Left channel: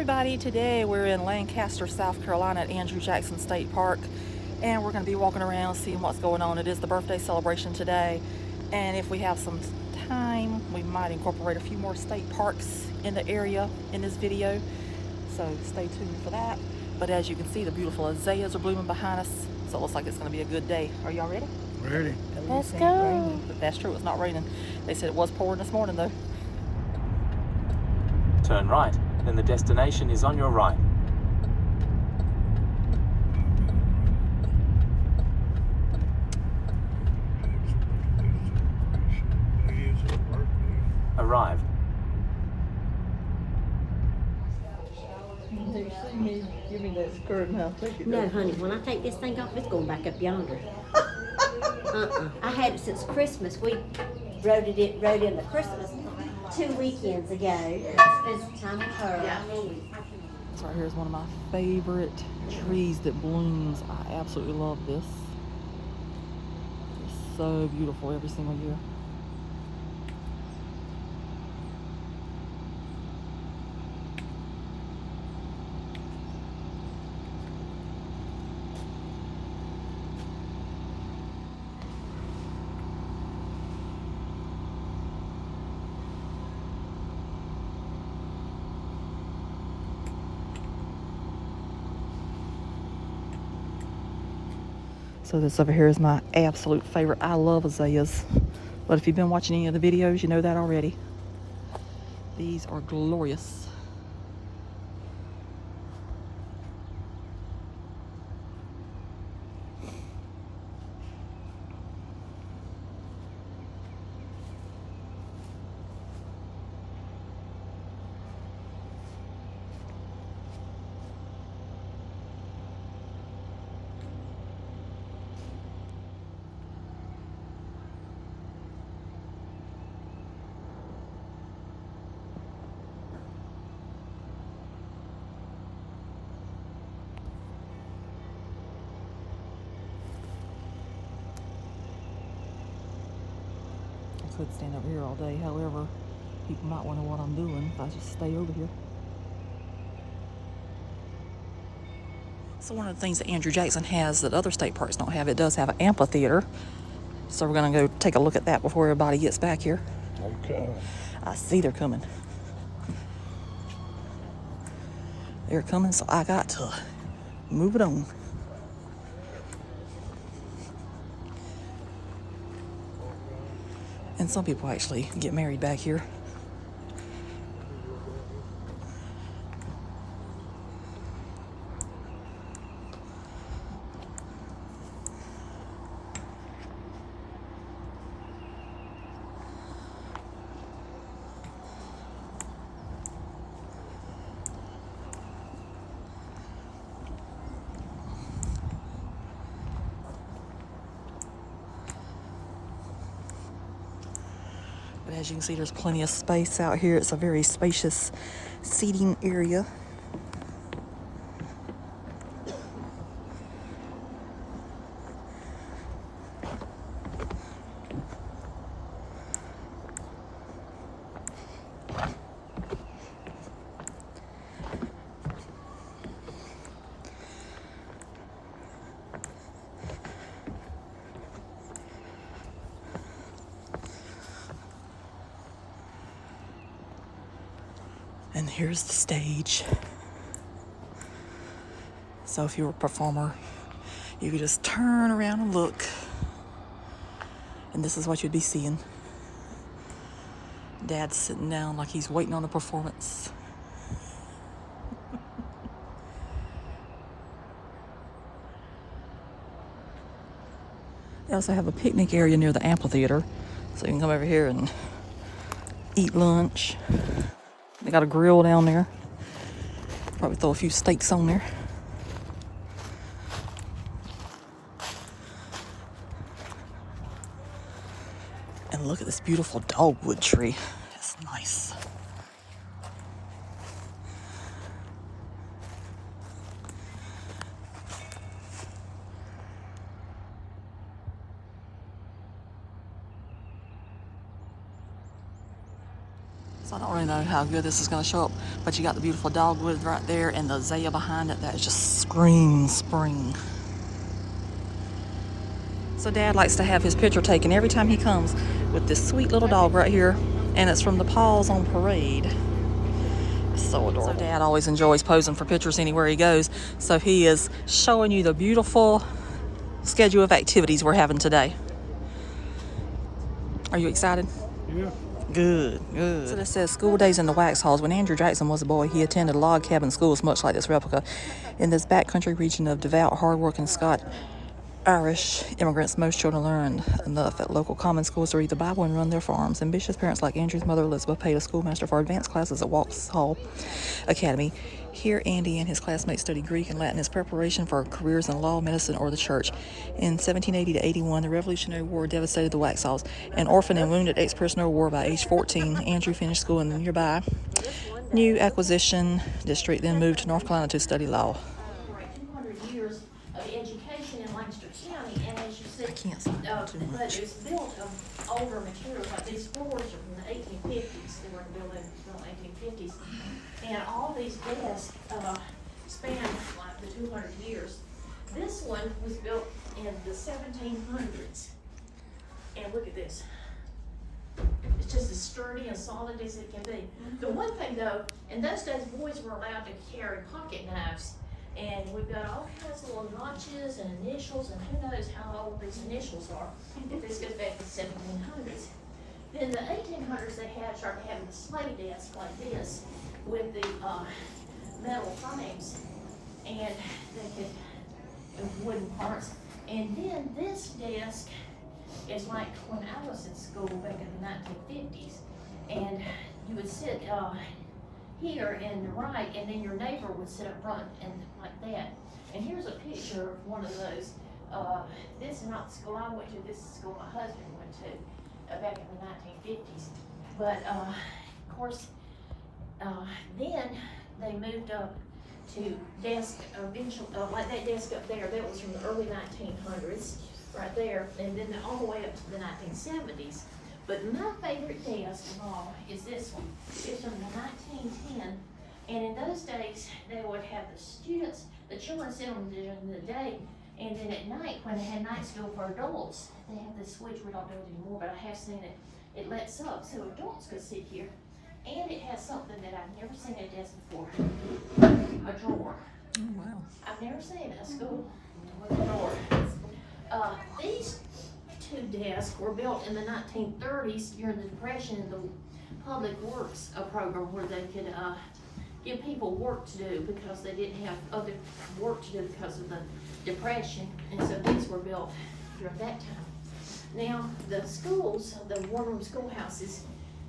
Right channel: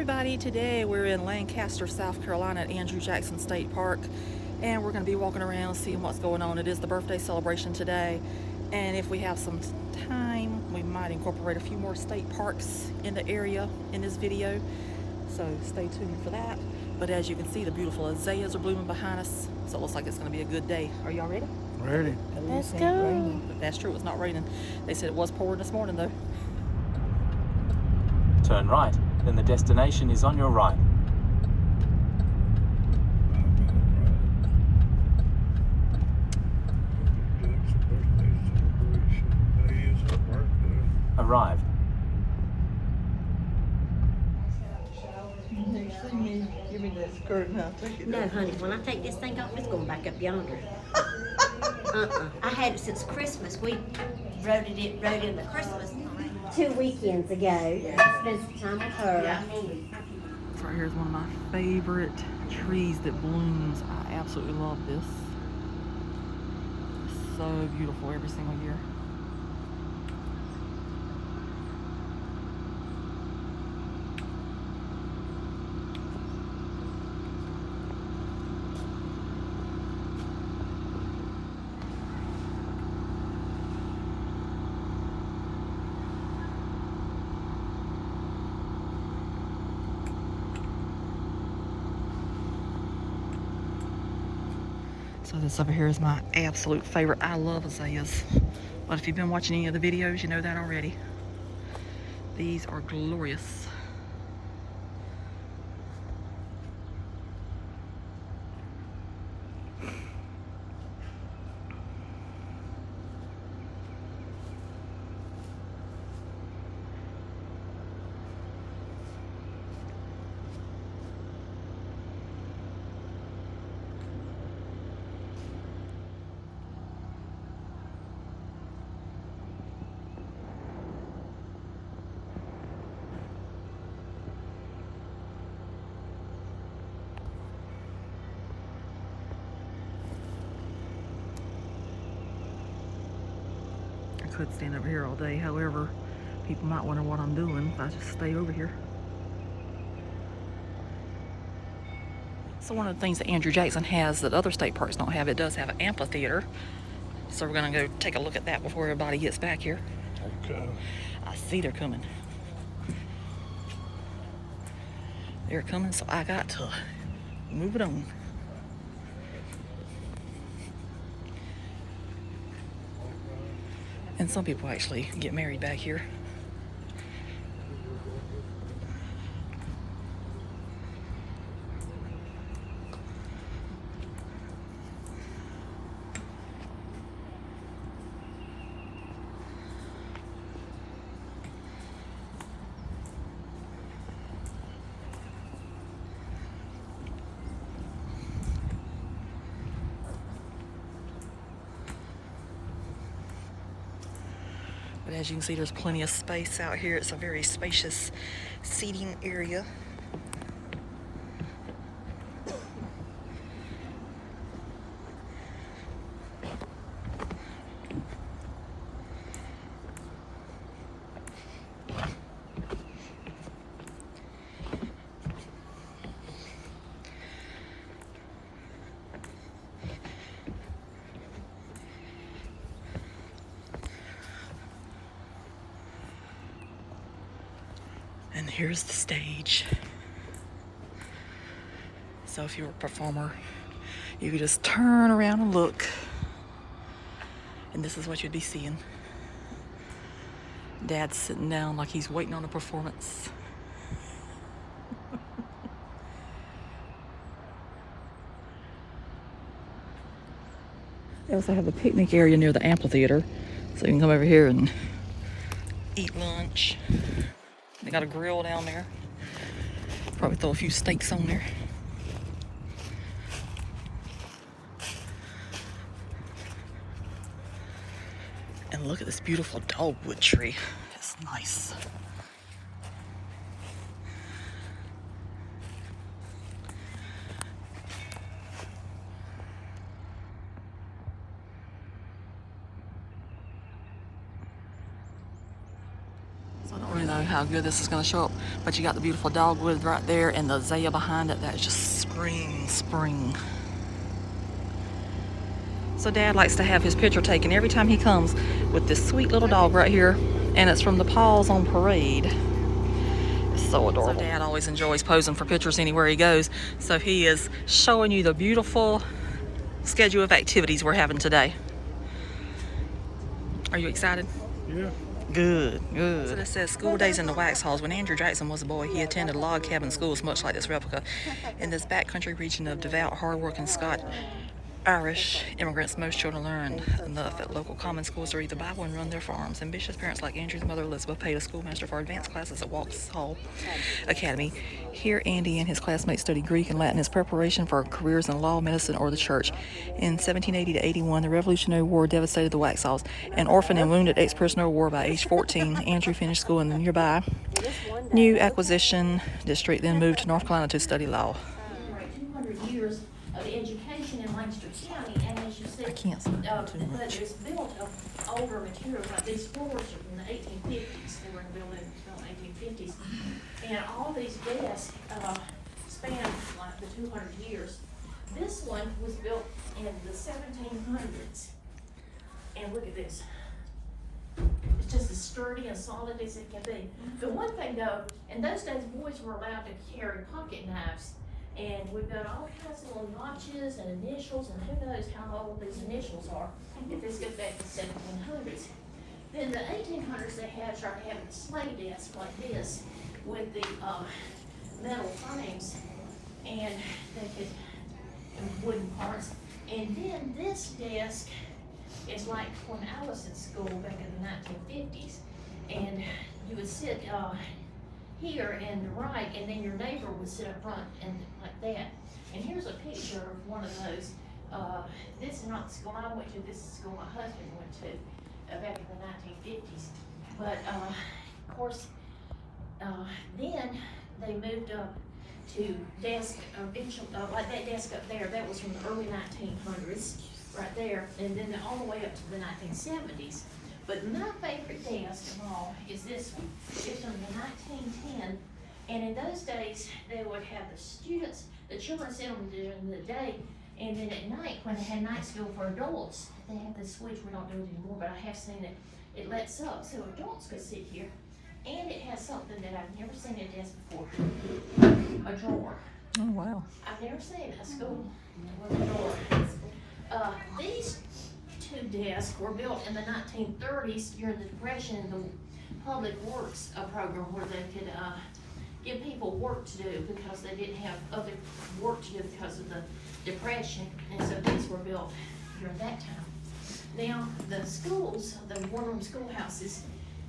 everybody, today we're in Lancaster, South Carolina at Andrew Jackson State Park, and we're going to be walking around seeing what's going on. It is the birthday celebration today, and if we have some time we might incorporate a few more state parks in the area in this video, so stay tuned for that. But as you can see, the beautiful azaleas are blooming behind us, so it looks like it's going to be a good day. Are y'all ready? Ready. Let's go. But that's true, it's not raining. They said it was pouring this morning though. Turn right, then the destination is on your right. Arrived. Give me that skirt and I'll take it. No, honey, when I take this thing off, it's going back up yonder. I had it since Christmas. We rode in the Christmas 2 weekends ago. Spent some time with her. This right here is one of my favorite trees that blooms. I absolutely love this. It's so beautiful every single year. So this over here is my absolute favorite. I love azaleas, but if you've been watching any of the videos, you know that already. These are glorious. I could stand over here all day. However, people might wonder what I'm doing if I just stay over here. So one of the things that Andrew Jackson has that other state parks don't have, it does have an amphitheater. So we're gonna go take a look at that before everybody gets back here. Okay. I see they're coming. They're coming, so I got to move it on. And some people actually get married back here. But as you can see, there's plenty of space out here. It's a very spacious seating area. And here's the stage. So if you were a performer, you could just turn around and look, and this is what you'd be seeing. Dad's sitting down like he's waiting on a performance. They also have a picnic area near the amphitheater, so you can come over here and eat lunch. They got a grill down there. Probably throw a few steaks on there. And look at this beautiful dogwood tree. That's nice. So I don't really know how good this is going to show up, but you got the beautiful dogwood right there and the azalea behind it that just screams spring. So Dad likes to have his picture taken every time he comes with this sweet little dog right here, and it's from the Paws on Parade. It's so adorable. So Dad always enjoys posing for pictures anywhere he goes, so he is showing you the beautiful schedule of activities we're having today. Are you excited? Yeah. Good, good. So this says school days in the wax halls. When Andrew Jackson was a boy, he attended log cabin schools much like this replica. In this backcountry region of devout, hardworking Irish immigrants, most children learn enough at local common schools to read the Bible and run their farms. Ambitious parents like Andrew's mother Elizabeth paid a schoolmaster for advanced classes at Vauxhall Academy. Here, Andy and his classmates studied Greek and Latin as preparation for careers in law, medicine, or the church. In 1780 to 81, the Revolutionary War devastated the Waxhaws. An orphan and wounded ex-prisoner of war by age 14, Andrew finished school in the nearby New Acquisition District, then moved to North Carolina to study law. 200 years of education in Landsford County, and as you said, I can't slow down too but much. it was built of older materials. Like these floors are from the 1850s. They were built in the 1850s, and all these desks span like the 200 years. This one was built in the 1700s, and look at this. It's just as sturdy and solid as it can be. The one thing though, in those days, boys were allowed to carry pocket knives. And we've got all kinds of little notches and initials, and who knows how old these initials are, if this goes back to the 1700s. In the 1800s, they started having a sleigh desk like this with the metal frames, and they could, and wooden parts. And then this desk is like when I was in school back in the 1950s, and you would sit here in the right, and then your neighbor would sit up front and like that. And here's a picture of one of those. This is not the school I went to, this is the school my husband went to back in the 1950s. But of course, then they moved up to desk, eventually, like that desk up there, that was from the early 1900s, right there, and then all the way up to the 1970s. But my favorite desk of all is this one. It's from the 1910, and in those days, they would have the students, the children sit on during the day, and then at night, when they had night school for adults, they have this switch. We don't do it anymore, but I have seen it. It lets up, so adults could sit here, and it has something that I've never seen at a desk before, a drawer. Oh, wow. I've never seen a school with a drawer. These two desks were built in the 1930s during the Depression in the Public Works program, where they could give people work to do because they didn't have other work to do because of the Depression, and so these were built during that time. Now, the schools, the one-room schoolhouses,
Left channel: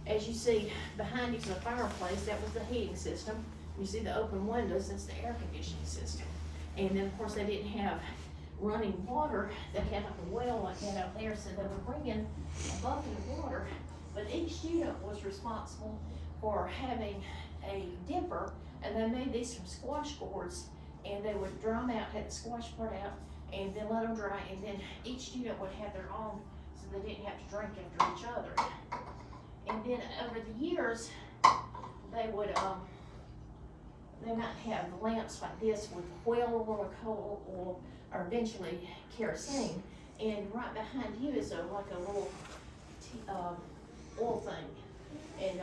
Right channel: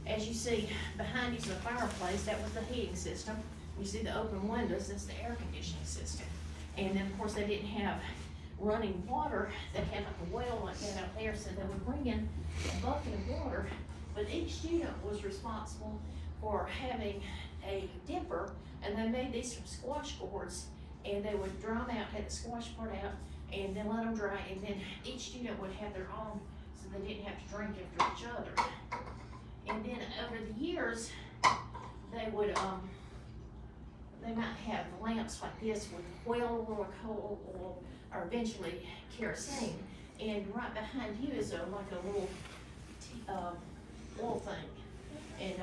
as you see behind each fireplace, that was the heating system. You see the open windows, that's the air conditioning system. And then, of course, they didn't have running water. They had a well like that out there, so they would bring in a bucket of water. But each student was responsible for having a dipper, and they made these from squash gourds, and they would dry them out, take the squash part out, and then let them dry, and then each student would have their own, so they didn't have to drink after each other. And then over the years, they would, they might have lamps like this with whale oil or coal oil, or eventually kerosene. And right behind you is like a little oil thing. And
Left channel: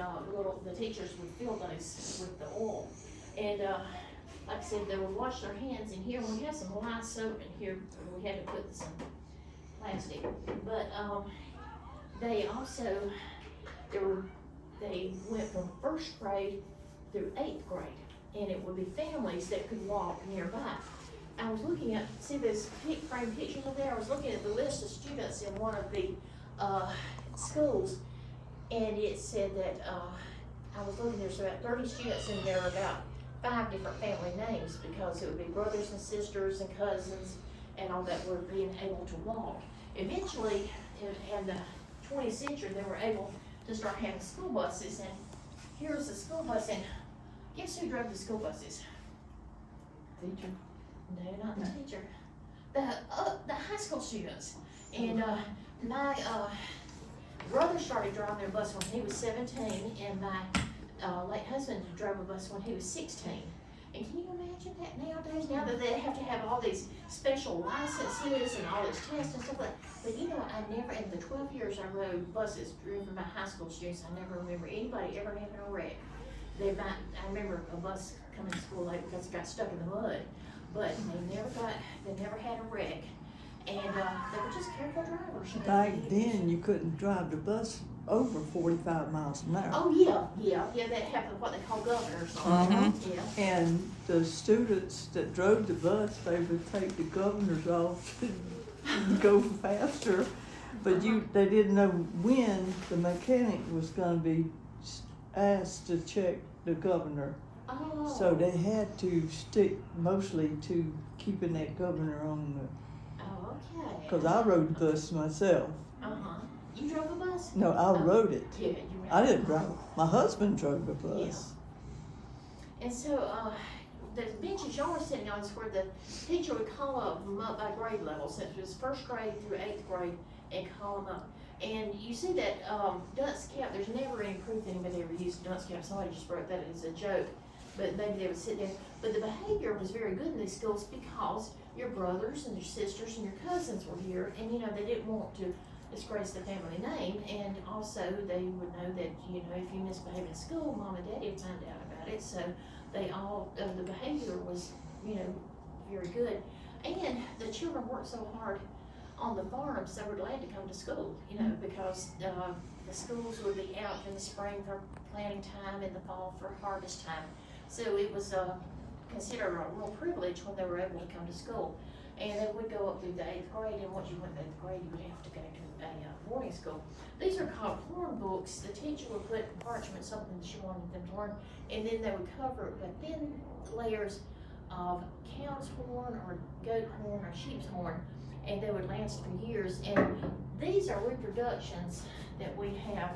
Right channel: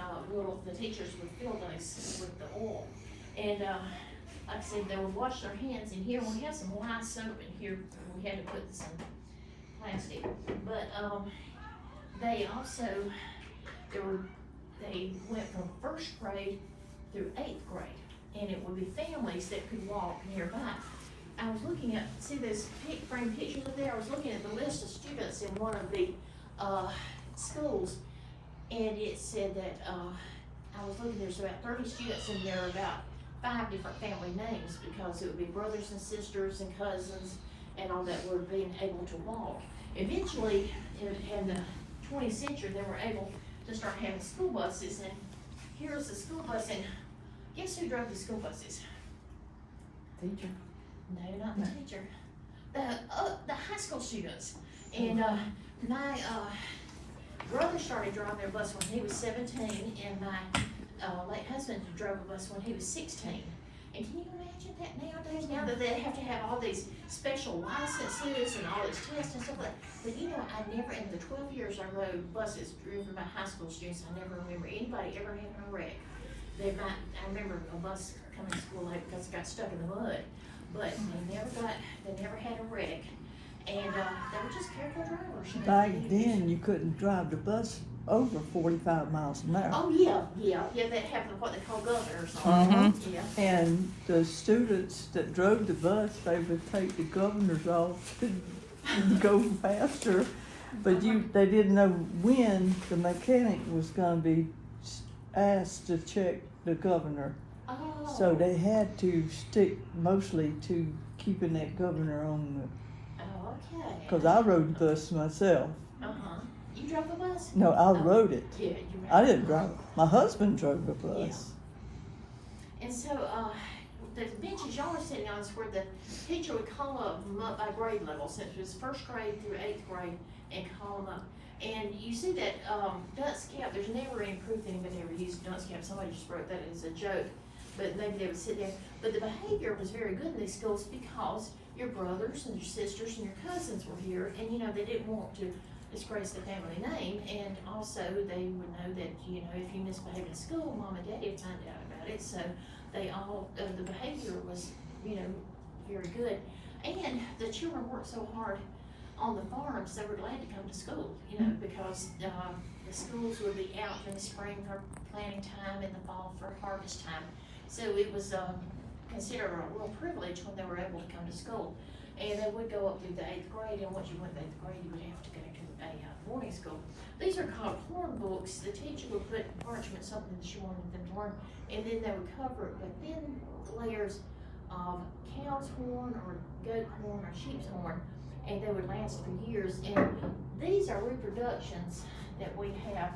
the teachers would fill those with the oil. And like I said, they would wash their hands in here. We have some lye soap in here, and we had to put some plastic. But they also, they went from first grade through 8th grade. And it would be families that could walk nearby. I was looking at, see this frame picture up there? I was looking at the list of students in one of the schools, and it said that, I was looking, there's about 30 students in there, about 5 different family names, because it would be brothers and sisters and cousins and all that were being able to walk. Eventually, in the 20th century, they were able to start having school buses, and here's the school bus, and guess who drove the school buses? Teacher. No, not the teacher. The high school students. And my brother started driving their bus when he was 17, and my late husband drove a bus when he was 16. And can you imagine that nowadays? Now that they have to have all these special licenses and all these tests and stuff like that. But you know, I never, in the 12 years I rode buses driven by high school students, I never remember anybody ever having a wreck. I remember a bus coming to school late because it got stuck in the mud. But they never had a wreck. And they were just careful drivers. Back then, you couldn't drive the bus over 45 miles an hour. Oh, yeah, they have what they call governors on. Mhm. Yeah. And the students that drove the bus, they would take the governors off and go faster. But they didn't know when the mechanic was gonna be asked to check the governor. Oh. So they had to stick mostly to keeping that governor on Oh, okay. cause I rode the bus myself. Uh-huh. You drove a bus? No, I rode it. Yeah, you were. I didn't drive. My husband drove the bus. And so, the benches y'all were sitting on is where the teacher would call them up by grade level, since it was first grade through 8th grade, and call them up. And you see that, dunce cap, there's never any proof anybody ever used dunce cap, somebody just wrote that as a joke. But maybe they would sit there, but the behavior was very good in these schools because your brothers and your sisters and your cousins were here, and you know, they didn't want to disgrace the family name, and also they would know that, you know, if you misbehaved in school, mom and daddy would find out about it, so they all, the behavior was, you know, very good. And the children worked so hard on the farms, they were glad to come to school, you know, because, the schools would be out in the spring for planting time, in the fall for harvest time. So it was, considered a real privilege when they were able to come to school. And they would go up through the 8th grade, and once you went to 8th grade, you would have to go to a boarding school. These are called horn books. The teacher would put parchment, something that she wanted them to learn, and then they would cover it with thin layers of cow's horn or goat horn or sheep's horn, and they would last for years. And these are reproductions that we have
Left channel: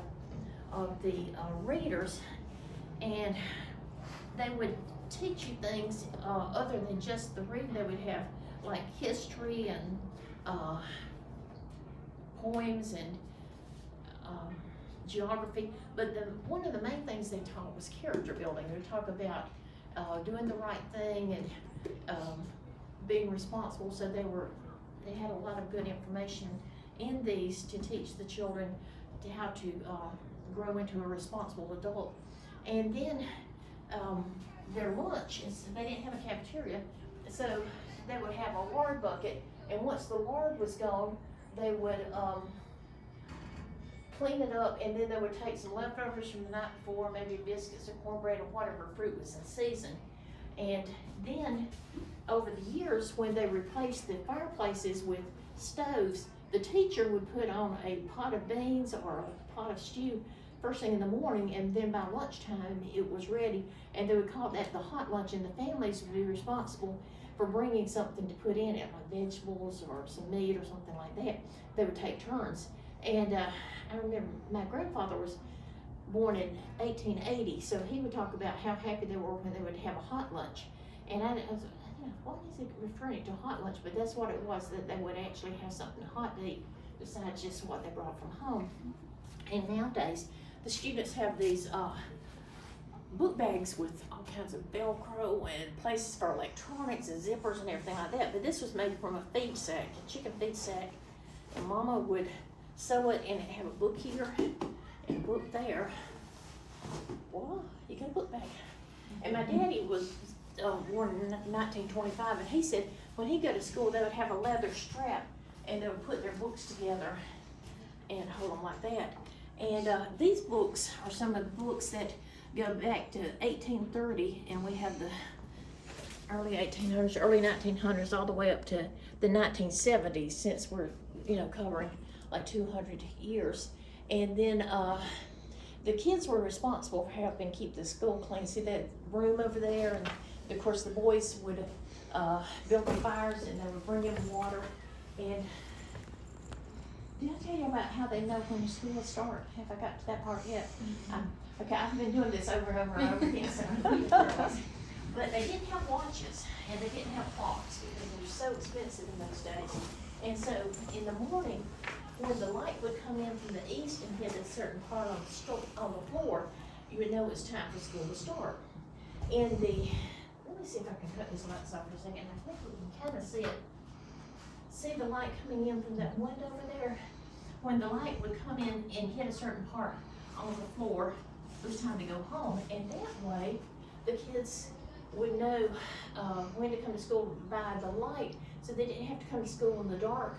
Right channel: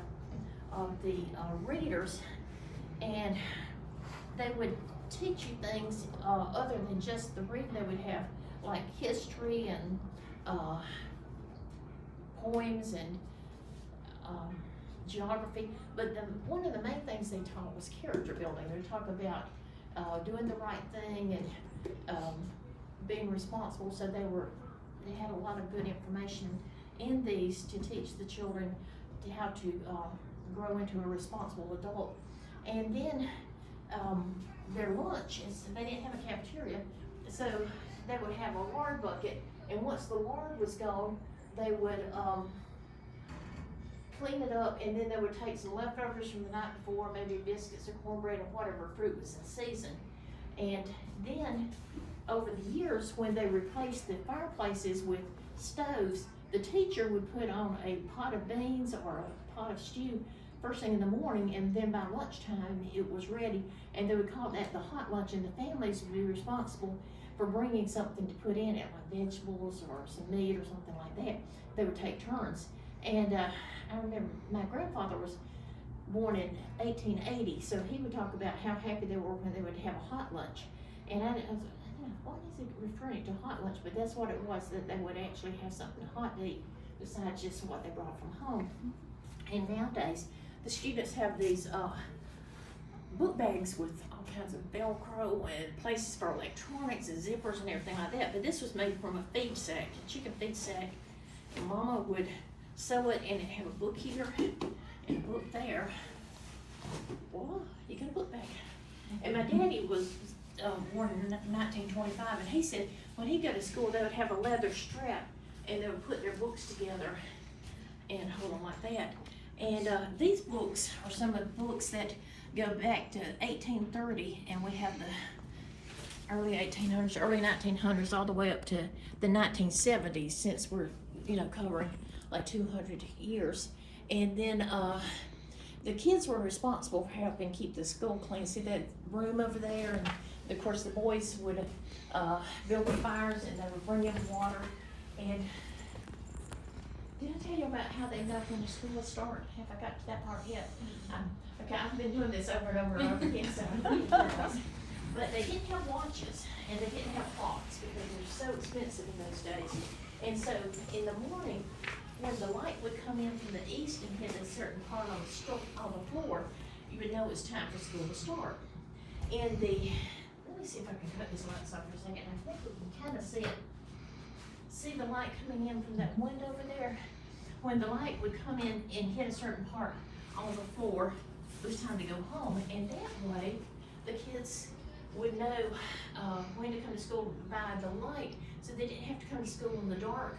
of the readers, and they would teach you things other than just the reading. They would have like history and poems and geography, but one of the main things they taught was character building. They would talk about doing the right thing and being responsible. So they had a lot of good information in these to teach the children how to grow into a responsible adult. And then their lunches, they didn't have a cafeteria, so they would have a lard bucket, and once the lard was gone, they would clean it up, and then they would take some leftovers from the night before, maybe biscuits or cornbread or whatever fruit was in season. And then over the years, when they replaced the fireplaces with stoves, the teacher would put on a pot of beans or a pot of stew first thing in the morning, and then by lunchtime it was ready, and they would call that the hot lunch, and the families would be responsible for bringing something to put in it, like vegetables or some meat or something like that. They would take turns. And I remember my grandfather was born in 1880, so he would talk about how happy they were when they would have a hot lunch. And I was, you know, what is it referring to hot lunch? But that's what it was, that they would actually have something hot to eat besides just what they brought from home. And nowadays, the students have these book bags with all kinds of Velcro and places for electronics and zippers and everything like that. But this was made from a feed sack, a chicken feed sack. And Mama would sew it, and it have a book here and a book there. Well, you got a book bag. And my daddy was born in 1925, and he said when he'd go to school, they would have a leather strap, and they would put their books together and hold them like that. And these books are some of the books that go back to 1830, and we have the early 1800s, early 1900s, all the way up to the 1970s, since we're, you know, covering like 200 years. And then the kids were responsible for helping keep the school clean. See that room over there? And of course the boys would build the fires, and they would bring in water. And did I tell you about how they know when your school will start? Have I got to that part yet? Okay, I've been doing this over and over and over again, so but they didn't have watches, and they didn't have clocks because they were so expensive in those days. And so in the morning, when the light would come in from the east and hit a certain part on the floor, you would know it's time for school to start. And let me see if I can cut this light off for a second. I think we can kind of see it. See the light coming in from that window over there? When the light would come in and hit a certain part on the floor, it was time to go home. And that way, the kids would know when to come to school by the light, so they didn't have to come to school in the dark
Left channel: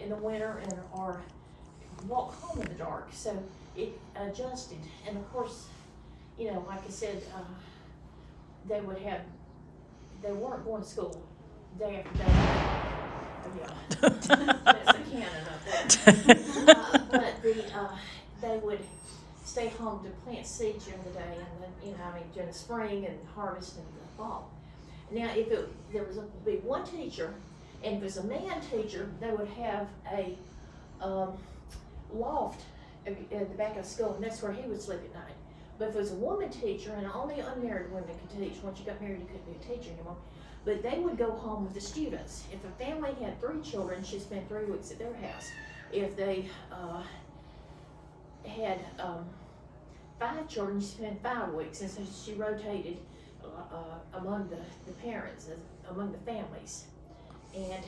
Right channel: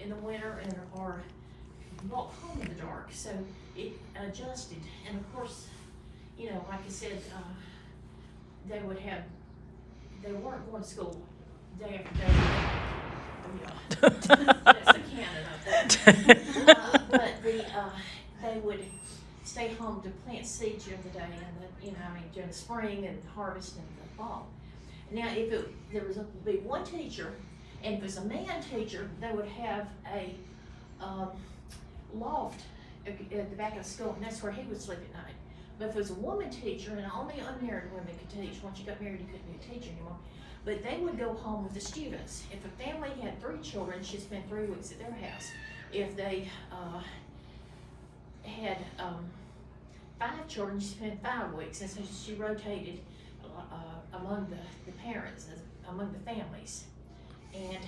in the winter or walk home in the dark. So it adjusted. And of course, you know, like I said, they weren't going to school day after day. That's a cannon up there. But they would stay home to plant seeds during the day, and during the spring and harvest in the fall. Now, if there would be one teacher, and if it was a man teacher, they would have a loft at the back of the school, and that's where he would sleep at night. But if it was a woman teacher, and only unmarried women could teach, once you got married, you couldn't be a teacher anymore. But they would go home with the students. If a family had 3 children, she'd spend 3 weeks at their house. If they had 5 children, she spent 5 weeks, and so she rotated among the parents, among the families. And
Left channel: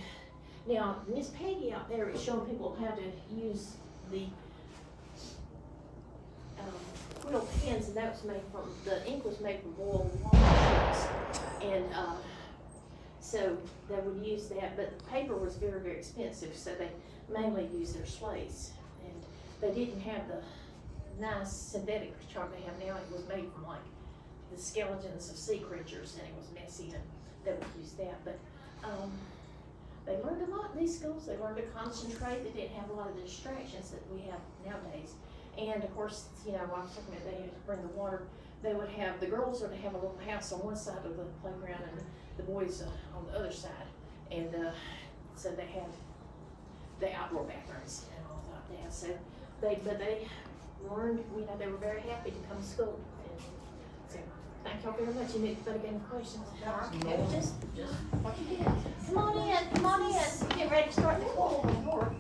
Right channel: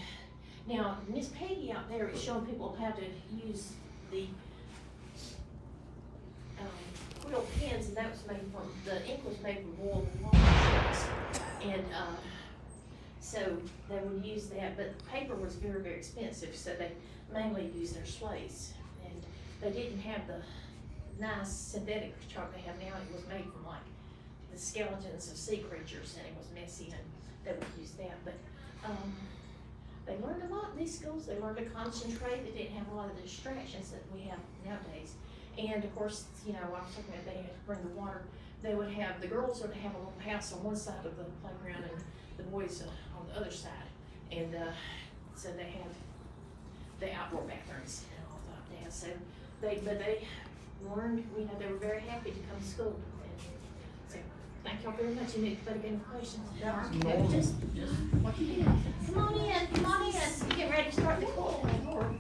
now Miss Peggy out there is showing people how to use the quill pens, and that was made from, the ink was made from boiled walnuts. And so they would use that, but the paper was very, very expensive, so they mainly used their slates. And they didn't have the nice synthetic chalk they have now. It was made from like the skeletons of sea creatures, and it was messy, and they would use that. But they learned a lot in these schools. They learned to concentrate. They didn't have a lot of the distractions that we have nowadays. And of course, you know, I was talking about they had to bring the water. They would have, the girls would have a little house on one side of the playground, and the boys on the other side. And so they had the outdoor bathrooms and all like that. So they learned, you know, they were very happy to come to school. And so thank y'all very much. You need to any questions. Just what you did. Come on in. Get ready to start the class.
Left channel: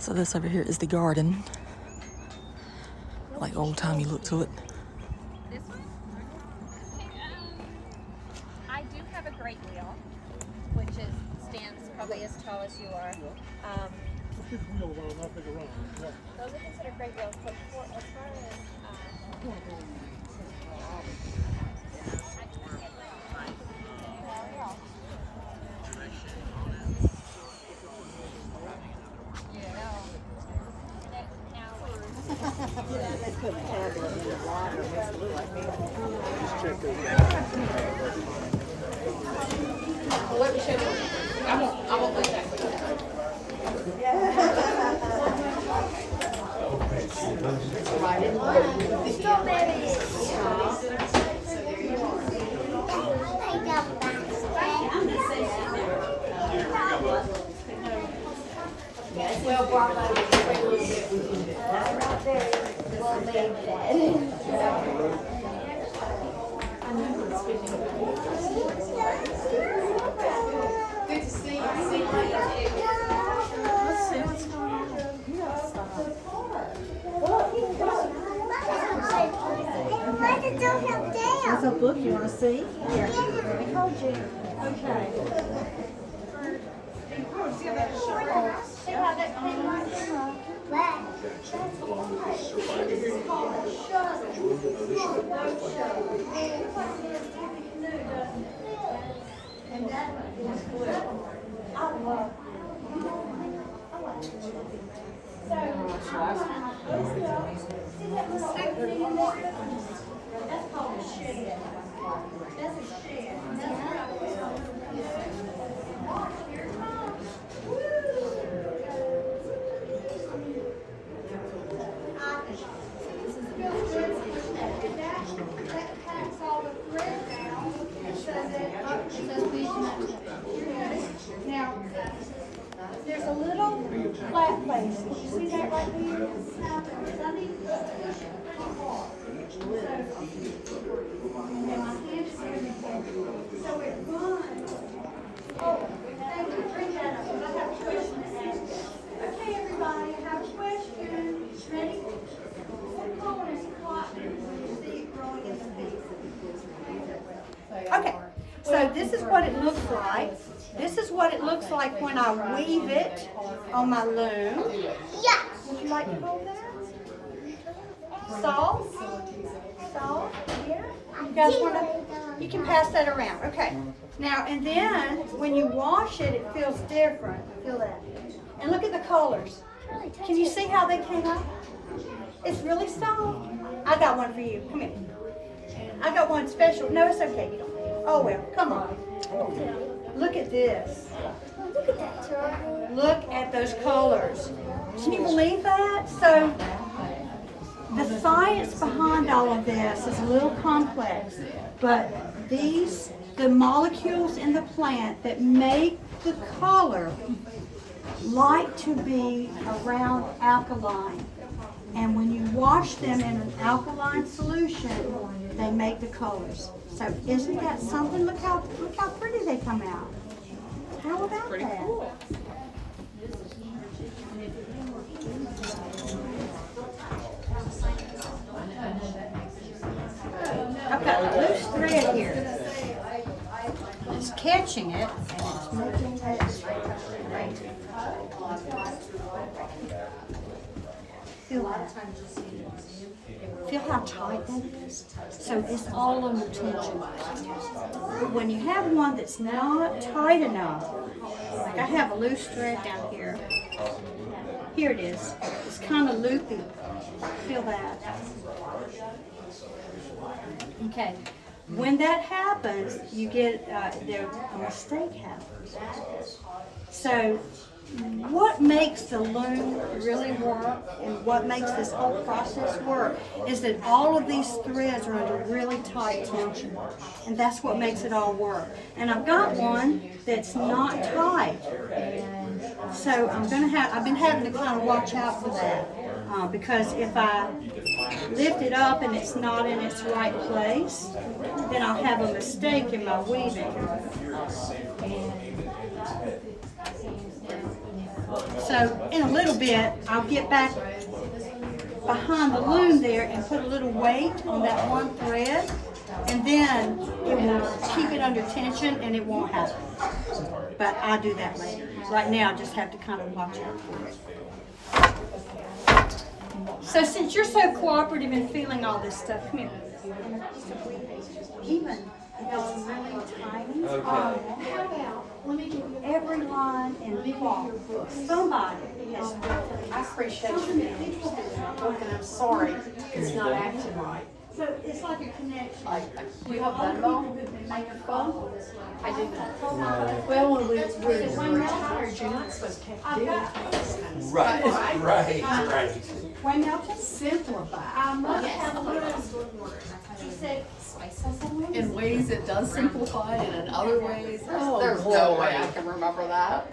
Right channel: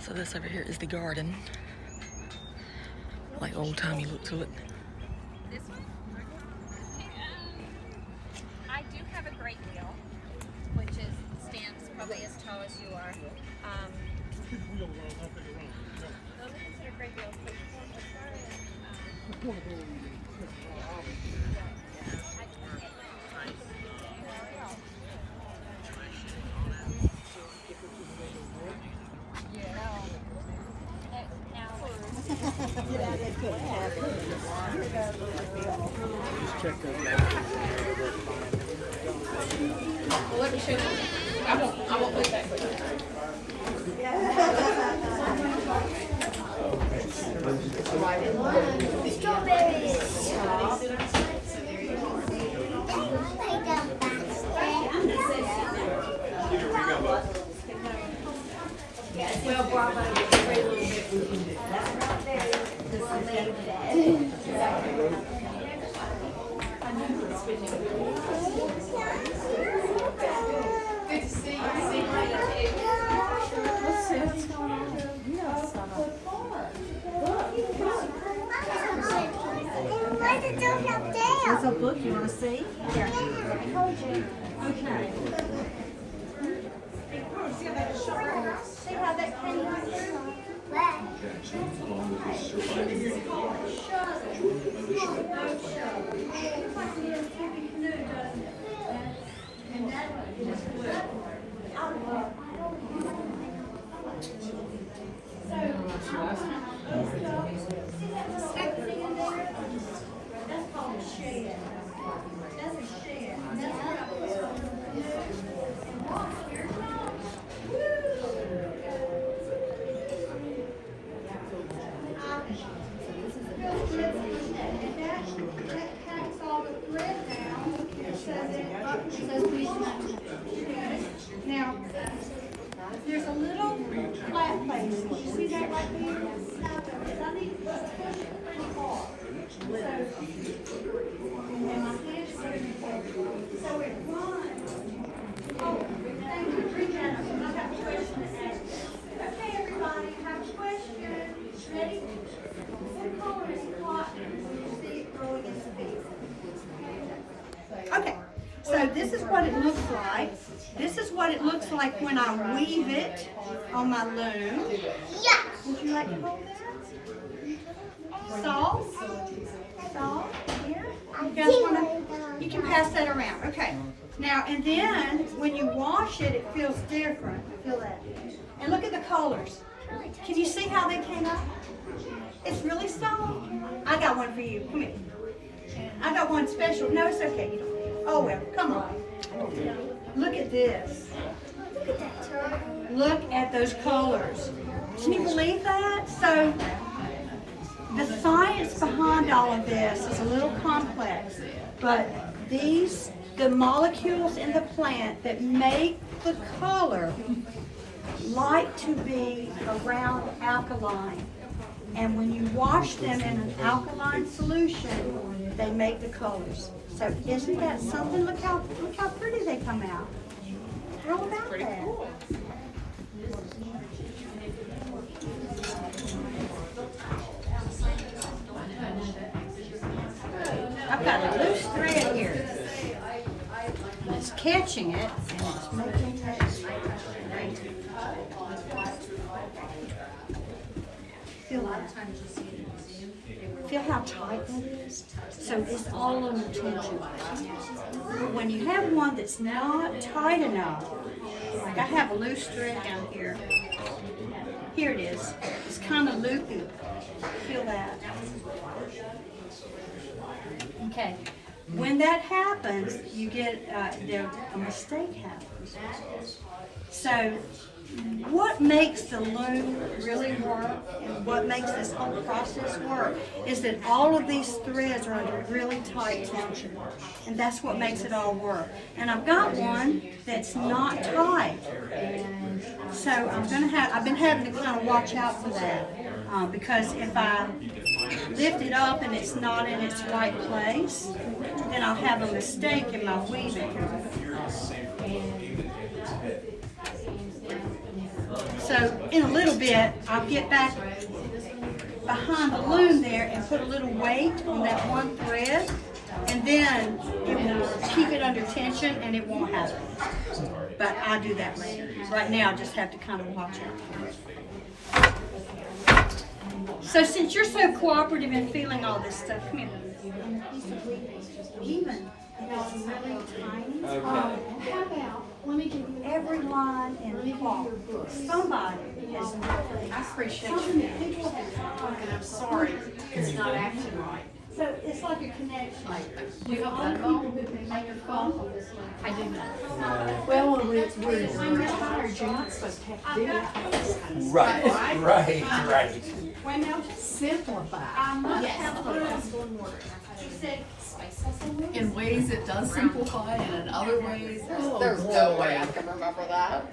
So this over here is the garden. Like old timey look to it. I do have a great deal, which stands probably as tall as you are. Those are considered great deals. So as far as They put a tablet in the water, makes it look like they check those. There's a book you want to see? Here. Let me hold you. Okay. see how that came out there? That's called a shed. That's a shed. That packs all the thread down so that now there's a little flat place. Can you see that right there? I need to push it pretty hard. And then my hands are in it. So it's fun. Oh, thank you. I have a question to ask. Okay, everybody, I have a question. Ready? What color is cotton? Okay, so this is what it looks like. This is what it looks like when I weave it on my loom. Yeah. Would you like to hold that? Salt? Salt? Here? You guys wanna? You can pass that around. Okay. Now, and then when you wash it, it feels different. Feel that? And look at the colors. Can you see how they came out? It's really soft. I got one for you. Come here. I got one special. No, it's okay. Oh well, come on. Look at this. Look at that turtle. Look at those colors. Can you believe that? So the science behind all of this is a little complex, but the molecules in the plant that make the color like to be around alkaline. And when you wash them in an alkaline solution, they make the colors. So isn't that something? Look how pretty they come out. How about that? I've got a loose thread here. It's catching it and it's making it right. Feel that? Feel how tight that is? So it's all on the tension. When you have one that's not tight enough, like I have a loose thread down here. Here it is. It's kind of loopy. Feel that? Okay. When that happens, you get a mistake happens. So what makes the loom really work and what makes this whole process work is that all of these threads are under really tight tension. And that's what makes it all work. And I've got one that's not tight. So I've been having to kind of watch out for that. Because if I lift it up and it's not in its right place, then I'll have a mistake in my weaving. So in a little bit, I'll get back behind the loom there and put a little weight on that one thread, and then it will keep it under tension and it won't happen. But I'll do that later. Right now, I just have to kind of watch it. So since you're so cooperative in feeling all this stuff, come here. Even if it's really tiny, how about, let me give you everyone in the wall. Somebody has I appreciate you. And I'm sorry, it's not acting right. So it's like a connection. Do you have that phone? Make a phone? I do not. Well, when we're When you're tired, you're not supposed to have to do it. Right. When now, Simplify. she said, In ways it does simplify, and in other ways, there's no way I can remember that.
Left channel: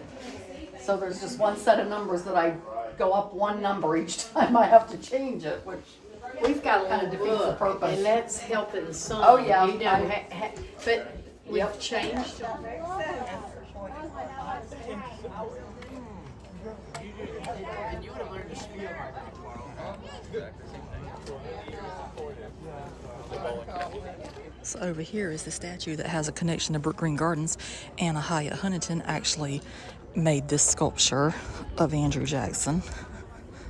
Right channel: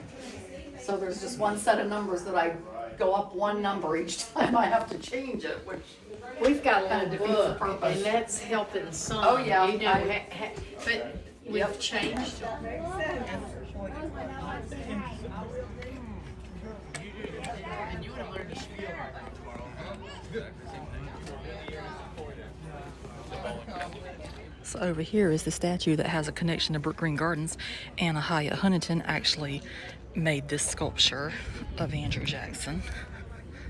So there's just one set of numbers that I go up one number each time I have to change it, which We've got a kind of little defeats the book, purpose. and that's helping some. Oh, yeah. You know, but we've Yep. changed. So over here is the statue that has a connection to Brook Green Gardens. Anna Hyatt Huntington actually made this sculpture of Andrew Jackson.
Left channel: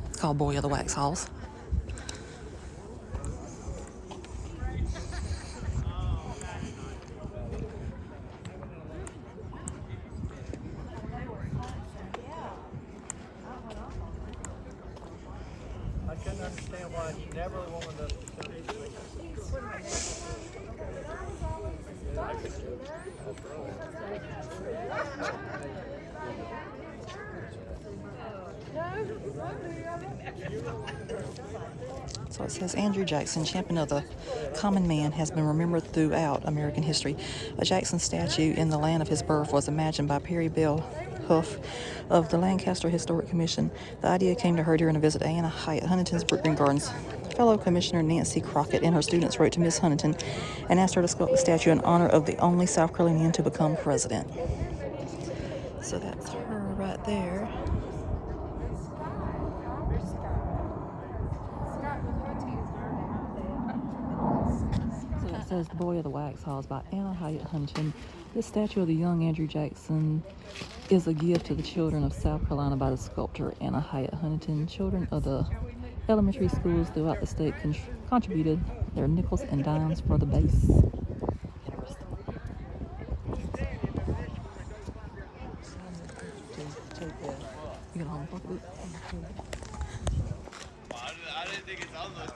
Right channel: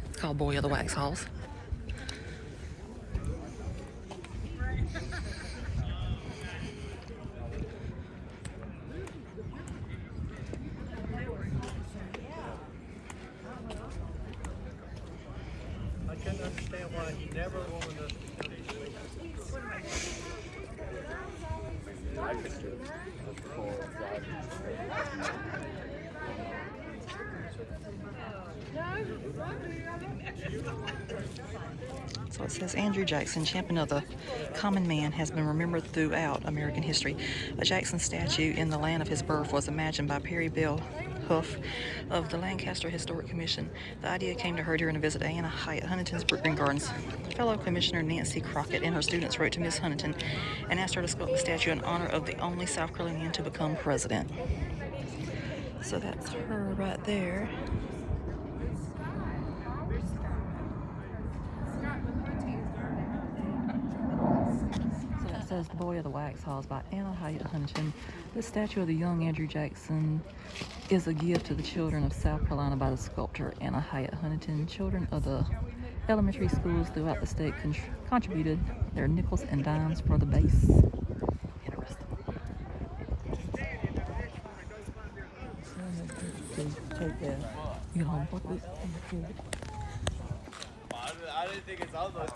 It's called Boy of the Wax Halls. So it says, Andrew Jackson, champion of the common man, has been remembered throughout American history. A Jackson statue in the land of his birth was imagined by Perry Bell Huff of the Lancaster Historic Commission. The idea came to her during a visit to Anna Hyatt Huntington's Brook Green Gardens. Fellow Commissioner Nancy Crockett and her students wrote to Miss Huntington and asked her to sculpt the statue in honor of the only South Carolinian to become president. So that's her right there. So that's says The Boy of the Waxhaws by Anna Hyatt Huntington. This statue of the young Andrew Jackson is a gift to the children of South Carolina by the sculptor Anna Hyatt Huntington. Children of the elementary schools throughout the state contributed their nickels and dimes for the base. Interesting. You got a home pocketbook? I didn't think it's almost anymore.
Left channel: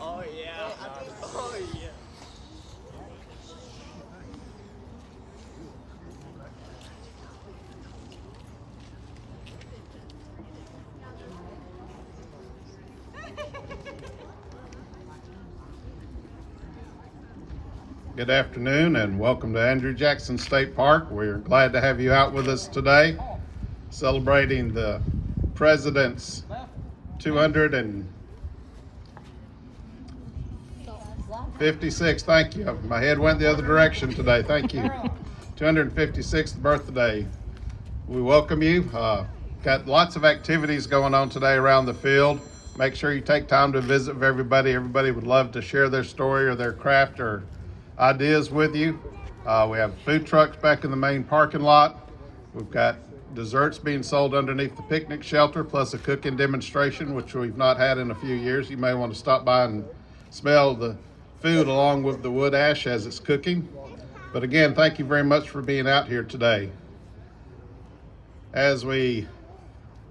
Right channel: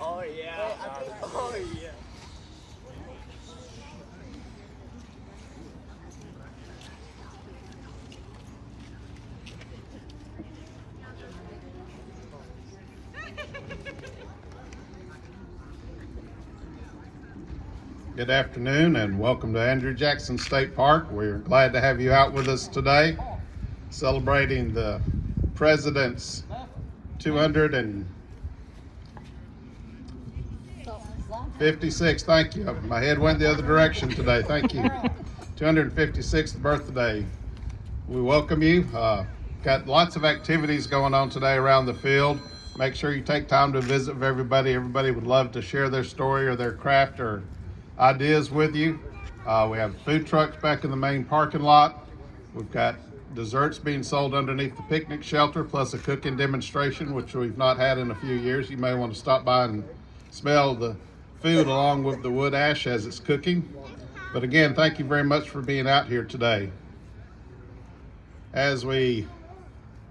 Oh yeah. Oh yeah. Good afternoon and welcome to Andrew Jackson State Park. We're glad to have you out with us today, celebrating the President's 256, thank you. My head went the other direction today, thank you. 256th birthday. We welcome you. Got lots of activities going on today around the field. Make sure you take time to visit with everybody. Everybody would love to share their story or their craft or ideas with you. We have food trucks back in the main parking lot. We've got desserts being sold underneath the picnic shelter, plus a cooking demonstration, which we've not had in a few years. You may want to stop by and smell the food along with the wood ash as it's cooking. But again, thank you very much for being out here today. As we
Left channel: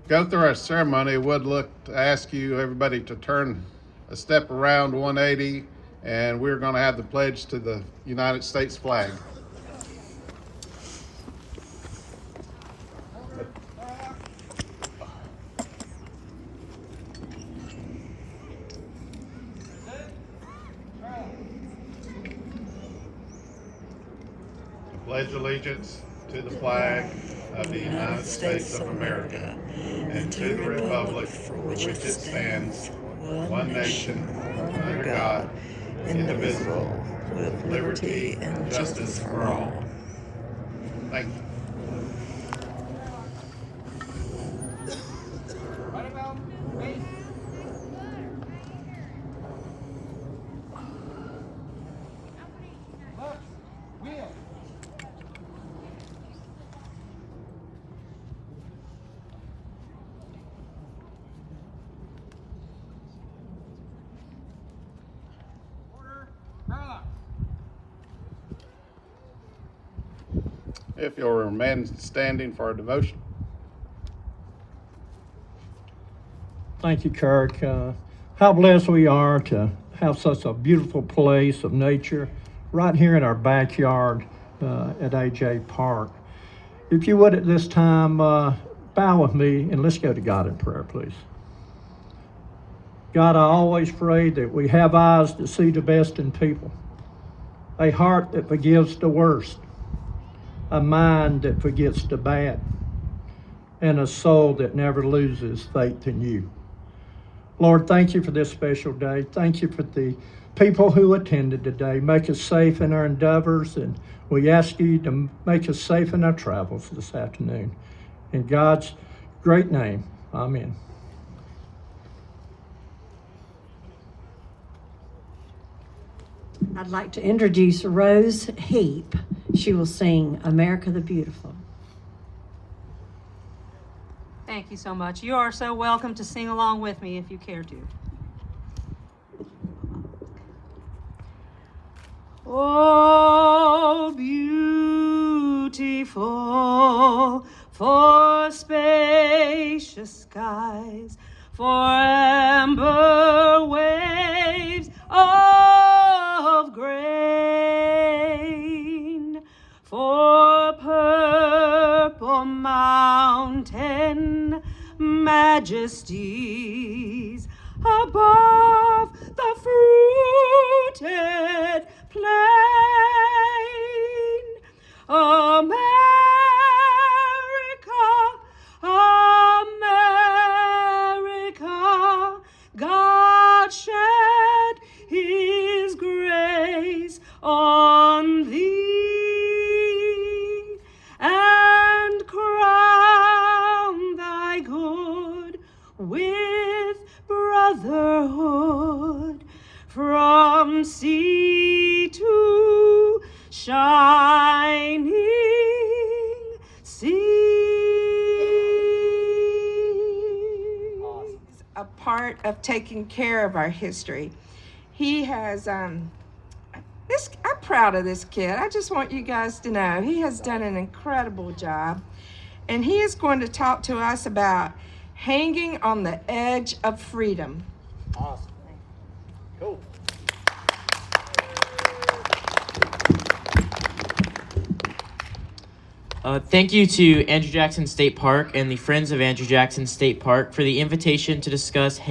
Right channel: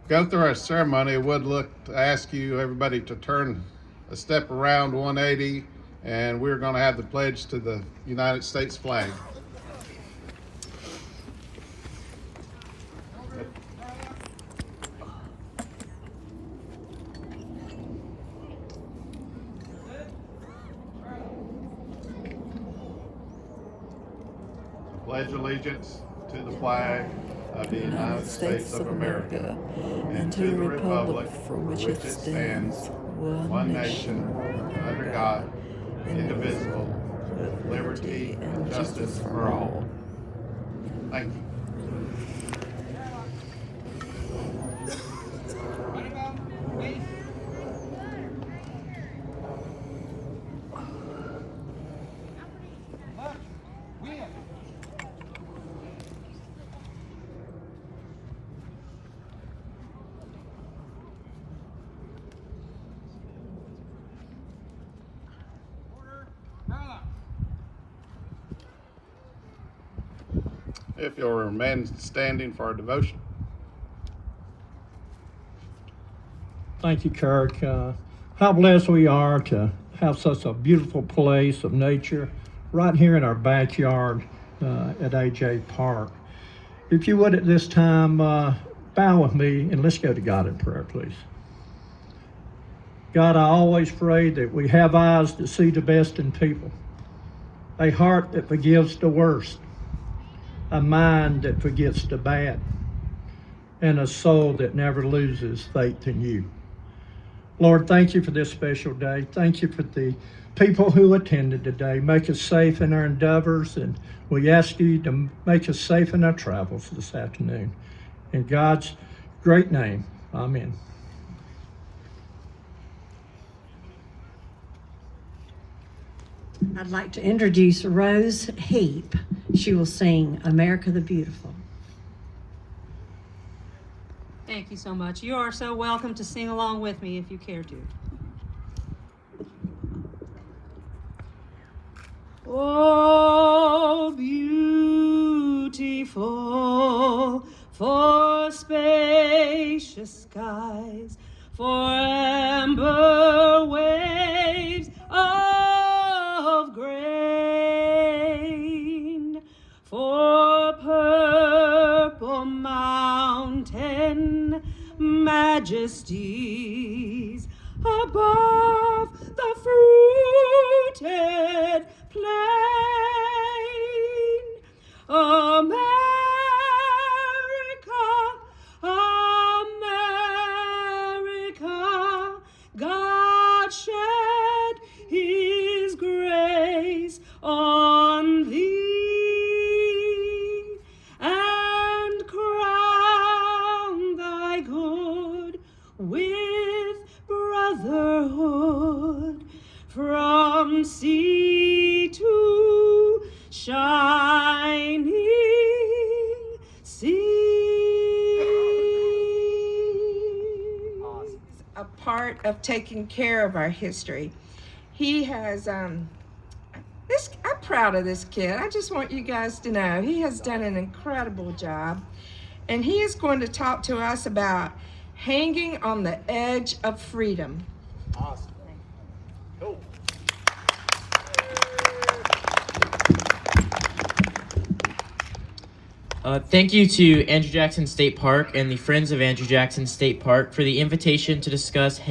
go through our ceremony, I would look to ask you, everybody, to turn a step around 180, and we're going to have the pledge to the United States flag. Pledge allegiance to the flag of the United States of America and to the republic for which it stands, one nation, under God, indivisible, with liberty and justice for all. Thank you. If you'll remain standing for our devotion. Thank you, Kirk. How blessed we are to have such a beautiful place of nature right here in our backyard at AJ Park. If you would at this time, bow with me and let's go to God in prayer, please. God, I always pray that we have eyes to see the best in people, a heart that forgives the worst, a mind that forgets the bad, and a soul that never loses faith in you. Lord, thank you for this special day. Thank you for the people who attended today. Make us safe in our endeavors, and we ask you to make us safe in our travels this afternoon. In God's great name, amen. I'd like to introduce Rose Heap. She will sing America the Beautiful. Thank you so much. You are so welcome to sing along with me if you care to. Oh, beautiful for spacious skies, for amber waves of grain, for purple mountain majesties above the fruited plain. America, America, God shed his grace part of taking care of our history. He has, I'm proud of this kid. I just want you guys to know he has done an incredible job. And he is going to talk to us about hanging on the edge of freedom. Awesome. Cool. Thank you to Andrew Jackson State Park and the Friends of Andrew Jackson State Park for the invitation to discuss the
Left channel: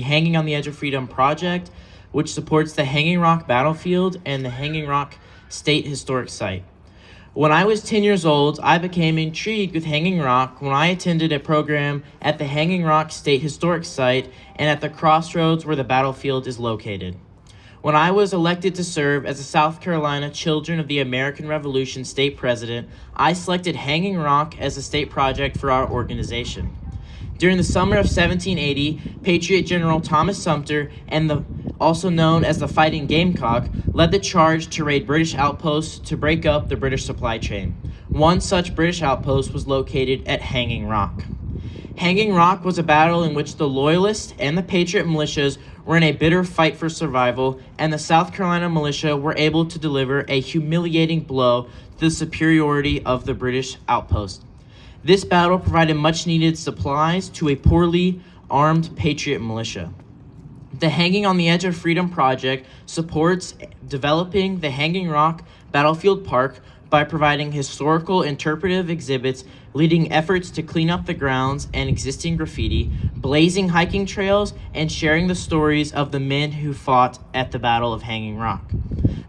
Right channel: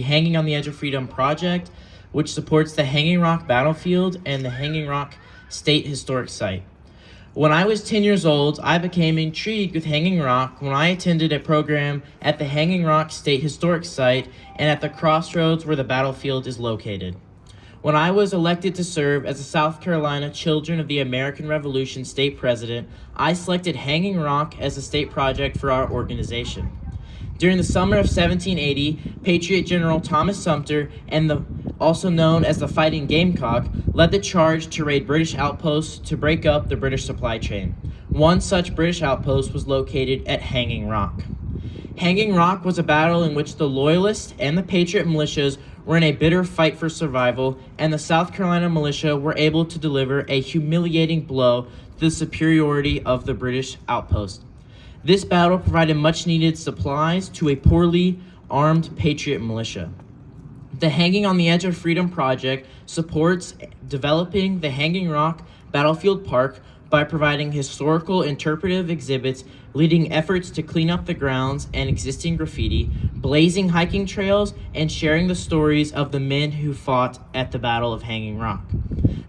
Hanging on the Edge of Freedom project, which supports the Hanging Rock Battlefield and the Hanging Rock State Historic Site. When I was 10 years old, I became intrigued with Hanging Rock when I attended a program at the Hanging Rock State Historic Site and at the crossroads where the battlefield is located. When I was elected to serve as a South Carolina Children of the American Revolution state president, I selected Hanging Rock as a state project for our organization. During the summer of 1780, Patriot General Thomas Sumter, also known as the Fighting Gamecock, led the charge to raid British outposts to break up the British supply chain. One such British outpost was located at Hanging Rock. Hanging Rock was a battle in which the Loyalists and the Patriot militias were in a bitter fight for survival, and the South Carolina militia were able to deliver a humiliating blow to the superiority of the British outpost. This battle provided much-needed supplies to a poorly armed Patriot militia. The Hanging on the Edge of Freedom project supports developing the Hanging Rock Battlefield Park by providing historical interpretive exhibits, leading efforts to clean up the grounds and existing graffiti, blazing hiking trails, and sharing the stories of the men who fought at the Battle of Hanging Rock.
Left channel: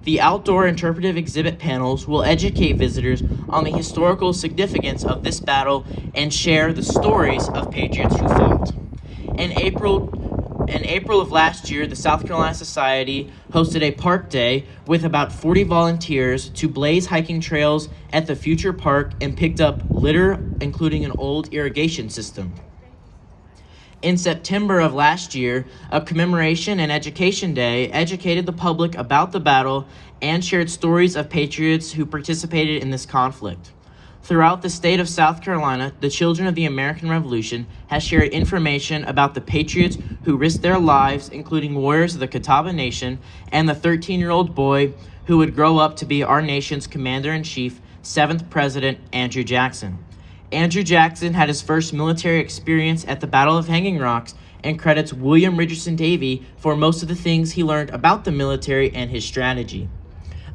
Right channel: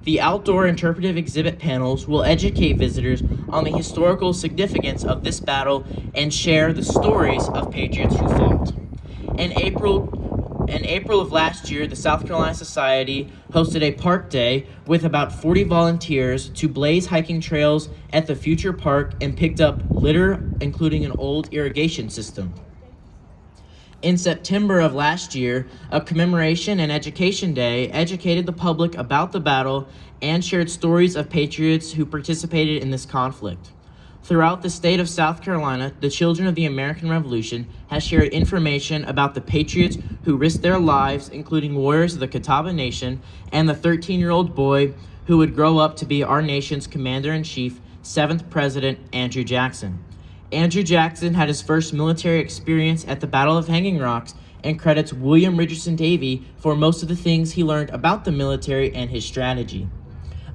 The outdoor interpretive exhibit panels will educate visitors on the historical significance of this battle and share the stories of patriots who fought. In April of last year, the South Carolina Society hosted a park day with about 40 volunteers to blaze hiking trails at the future park and picked up litter, including an old irrigation system. In September of last year, a commemoration and education day educated the public about the battle and shared stories of patriots who participated in this conflict. Throughout the state of South Carolina, the Children of the American Revolution has shared information about the patriots who risked their lives, including warriors of the Catawba Nation and the 13-year-old boy who would grow up to be our nation's Commander-in-Chief, 7th President Andrew Jackson. Andrew Jackson had his first military experience at the Battle of Hanging Rocks and credits William Richardson Davie for most of the things he learned about the military and his strategy.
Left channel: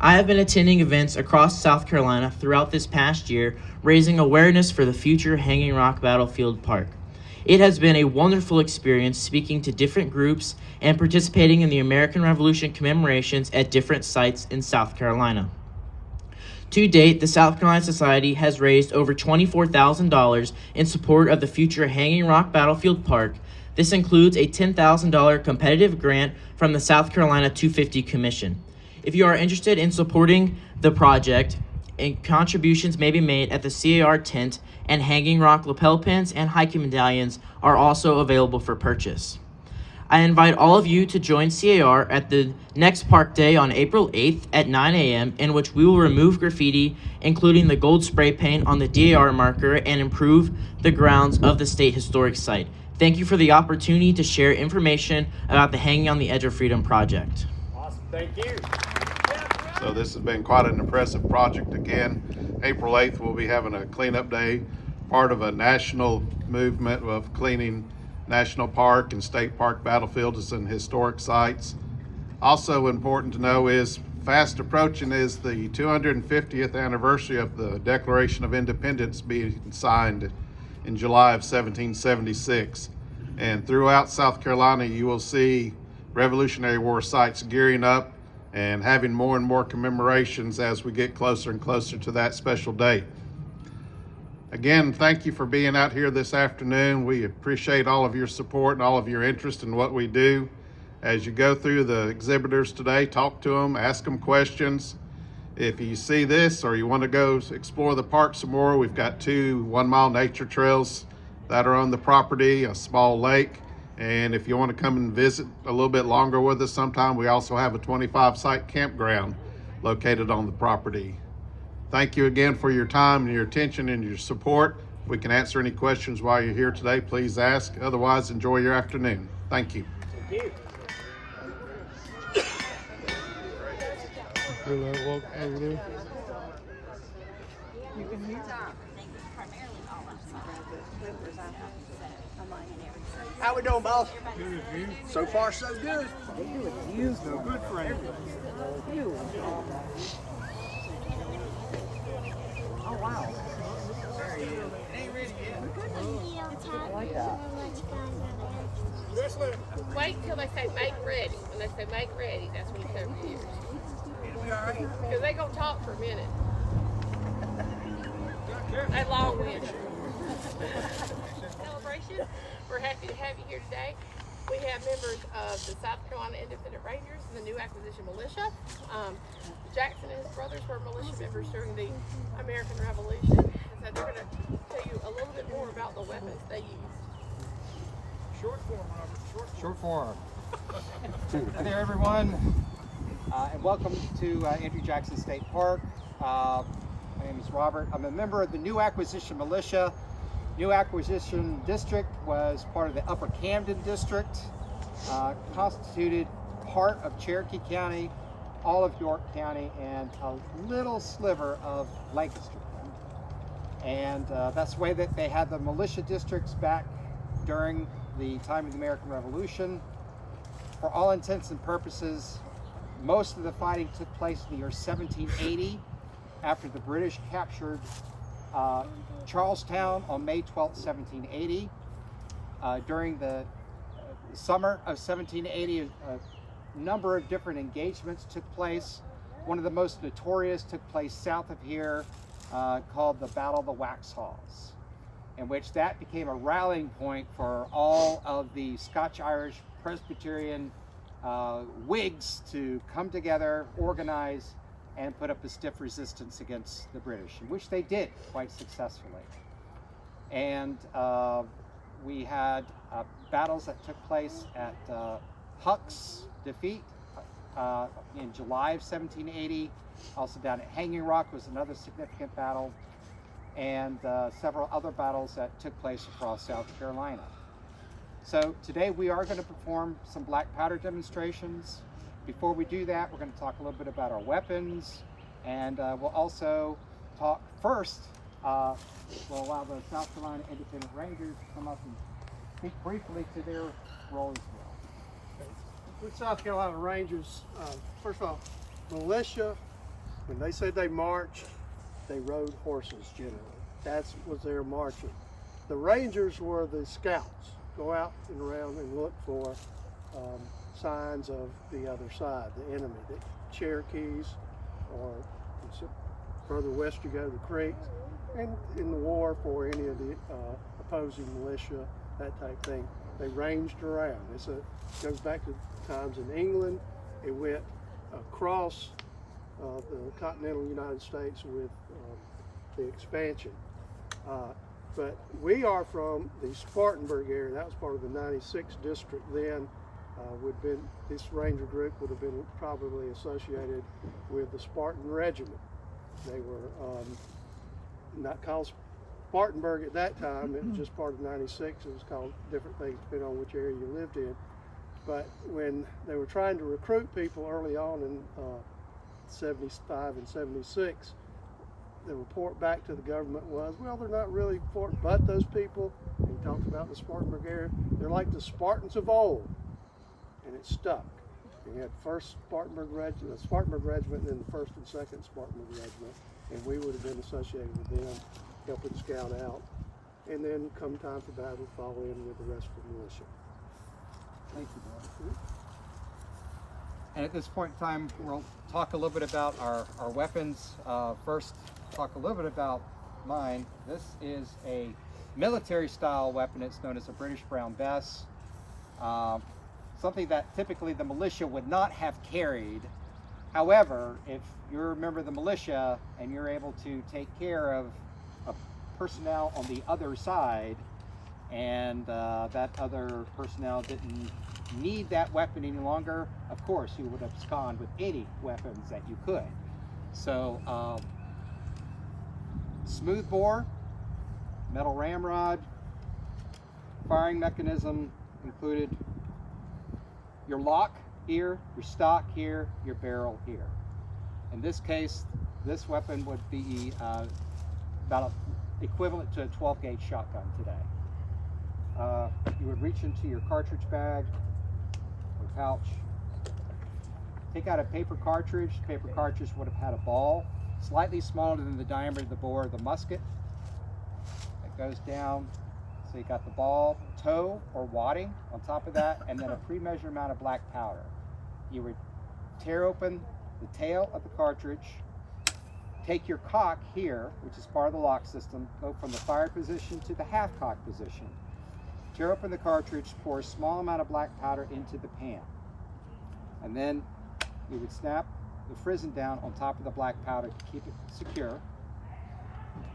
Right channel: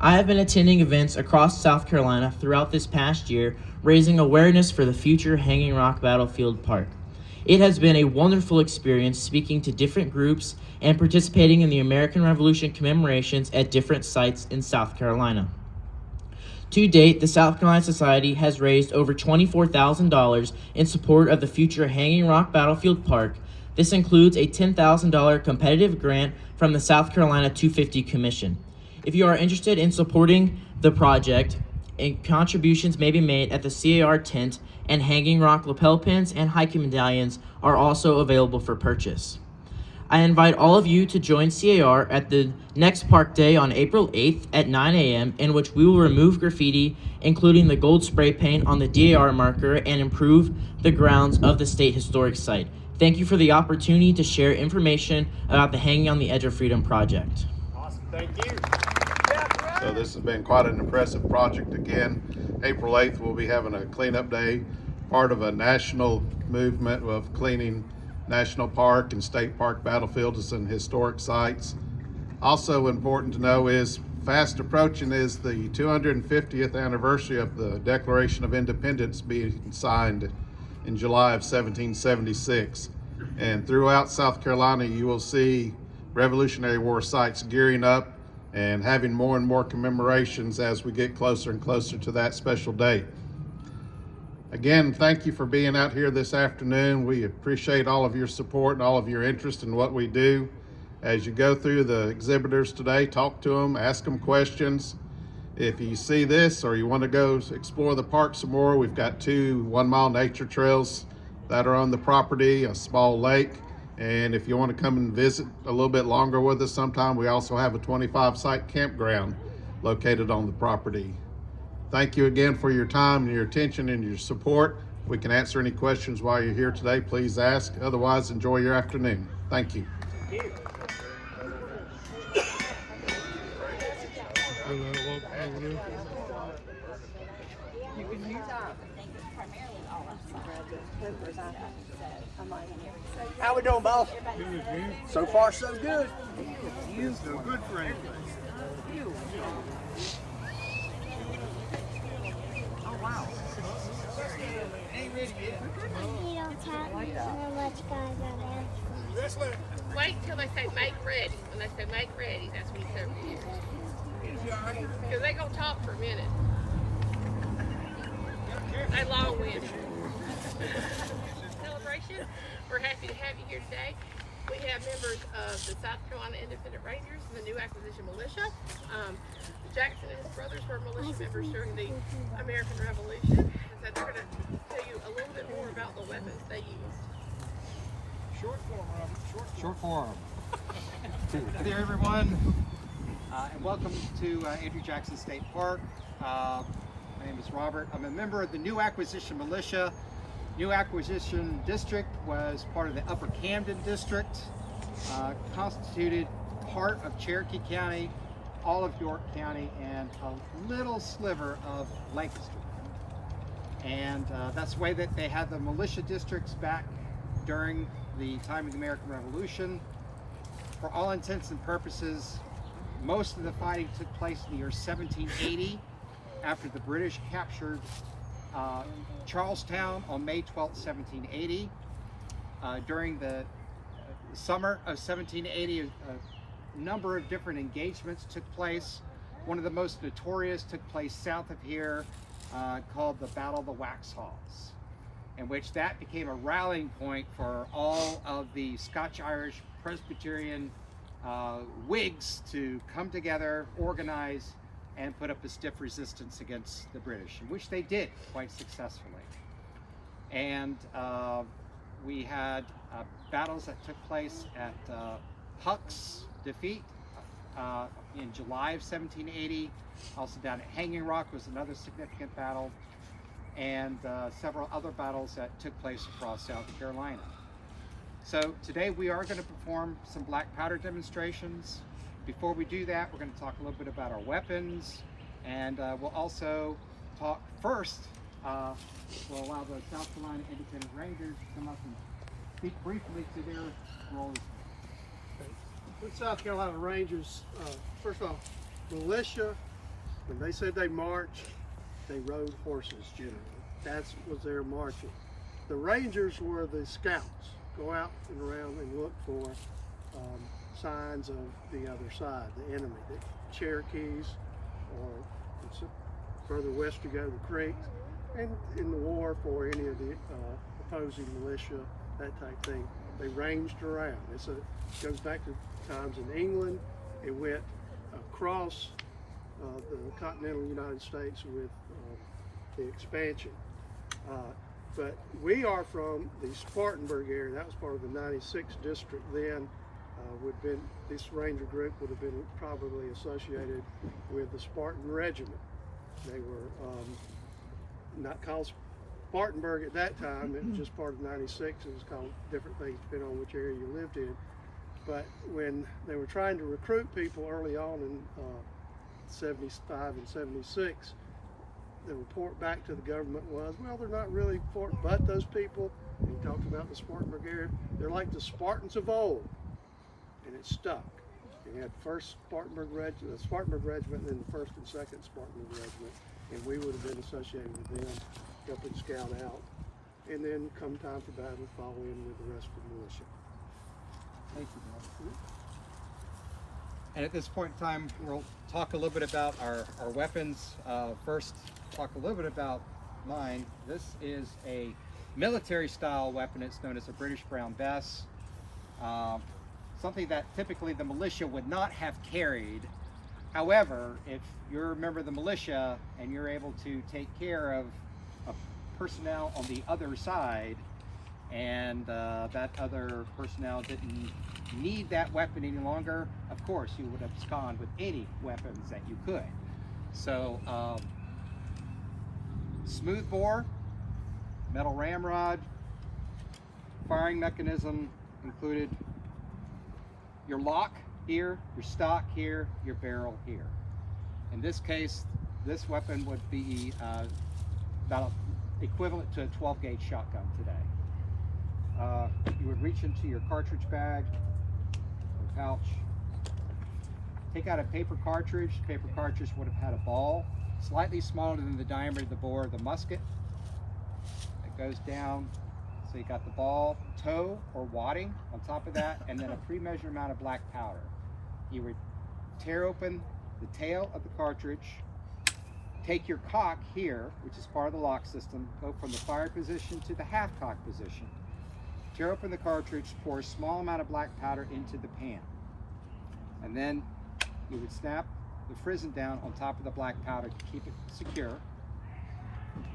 I have been attending events across South Carolina throughout this past year, raising awareness for the future Hanging Rock Battlefield Park. It has been a wonderful experience speaking to different groups and participating in the American Revolution commemorations at different sites in South Carolina. To date, the South Carolina Society has raised over $24,000 in support of the future Hanging Rock Battlefield Park. This includes a $10,000 competitive grant from the South Carolina 250 Commission. If you are interested in supporting the project, contributions may be made at the CAR tent, and Hanging Rock lapel pins and hiking medallions are also available for purchase. I invite all of you to join CAR at the next park day on April 8th at 9 a.m. in which we will remove graffiti, including the gold spray paint on the DAR marker, and improve the grounds of the State Historic Site. Thank you for the opportunity to share information about the Hanging on the Edge of Freedom project. Awesome. Thank you. So this has been quite an impressive project. Again, April 8th we'll be having a cleanup day, part of a national movement of cleaning National Park and State Park battlefields and historic sites. Also important to know is fast approaching is the 250th anniversary of the Declaration of Independence being signed in July of 1776. And throughout South Carolina you will see Revolutionary War sites gearing up and having more and more commemorations as we get closer and closer to that special date. Again, thank you for being out here this afternoon. We appreciate all of your support and all of your interest in what we do. As you go through the exhibitors today, talk to them, ask them questions. If you see this or you want to go explore the park some more, we've got 2 one-mile nature trails that are on the property, a small lake. And if you want to come and visit a little bit longer with us sometime, we also have a 25-site campground located on the property. Thank you again for your time and your attention and your support. If we can answer any questions while you're here today, please ask. Otherwise, enjoy your afternoon. Thank you. How we doing, boss? So far, so good. You is no good friend. Oh, wow. There he is. Ain't ready yet. Wait till they say make ready. When they say make ready, that's when you cover your ears. It'll be all right. Because they gonna talk for a minute. They long-winded. Celebration. We're happy to have you here today. We have members of the South Carolina Independent Rangers and the new acquisition militia. Jackson and his brothers were militia members during the American Revolution. And so they're going to tell you a little bit more about the weapons they used. Short form, Robert. Short form. Hi there, everyone, and welcome to Andrew Jackson State Park. My name is Robert. I'm a member of the new acquisition militia. New acquisition district was part of the Upper Camden district, constituted part of Cherokee County, all of York County, and a little sliver of Lancaster County. And that's the way that they had the militia districts back during the time of the American Revolution. For all intents and purposes, most of the fighting took place in the year 1780 after the British captured Charlestown on May 12, 1780. During the summer of 1780, a number of different engagements took place. One of the most notorious took place south of here, called the Battle of the Waxhaws, in which that became a rallying point for all of the Scotch-Irish Presbyterian Whigs to come together, organize, and put up a stiff resistance against the British, which they did quite successfully. And we had battles that took place at Huck's Defeat in July of 1780. Also down at Hanging Rock was another significant battle, and several other battles that took place across South Carolina. So today we are going to perform some black powder demonstrations. Before we do that, we're going to talk a little bit about our weapons, and we'll also talk first, we'll allow the South Carolina Independent Rangers to come up and speak briefly to their role as well. The South Carolina Rangers, first off, militia, when they said they marched, they rode horses generally. That was their marching. The Rangers were the scouts, go out and around and look for signs of the other side, the enemy, the Cherokees, or further west you go, the Creek, and in the war for any of the opposing militia, that type thing. They ranged around. It goes back to times in England. It went across the continental United States with the expansion. But we are from the Spartanburg area. That was part of the 96th district then. This ranger group would have been probably associated with the Spartan Regiment. They were not called Spartanburg at that time. It was just part of 96. It was called different things depending on which area you lived in. But when they were trying to recruit people early on in 75 and 76, the report back to the government was, well, they're not really for but those people. We talked about the Spartanburg area. They're like the Spartans of old. And it stuck. We had first Spartanburg Regiment, and then the first and second Spartanburg Regiment, and we would have been associated with them, helping scout out, and then come time for battle, fall in with the rest of the militia. Thank you, Bill. And at this point in time, we'll talk a little bit about our weapons. First, talk a little bit about mine. This is a military-style weapon. It's known as a British Brown Bess. Something that typically the militia would not have carried. However, if you're a member of the militia and you're able to take care of personnel on the other side, and that other personnel didn't need that weapon any longer, of course you would abscond with any weapons that you could. So smooth bore, metal ramrod, firing mechanism included your lock here, your stock here, your barrel here. In this case, this weapon would be about equivalent to a 12-gauge shotgun today. You would reach into your cartridge bag or pouch, take out a paper cartridge. Paper cartridge would have had a ball slightly smaller than the diameter of the bore of the musket. It goes down, so you got the ball, toe or wadding on top of that, and then a pre-measured amount of black powder. You would tear open the tail of the cartridge, take your cock here, which is part of the lock system, go from the fire position to the half cock position. Tear open the cartridge, pour a small amount of black powder into the pan. And then you would snap the frizzen down on top of the black powder to keep it secure.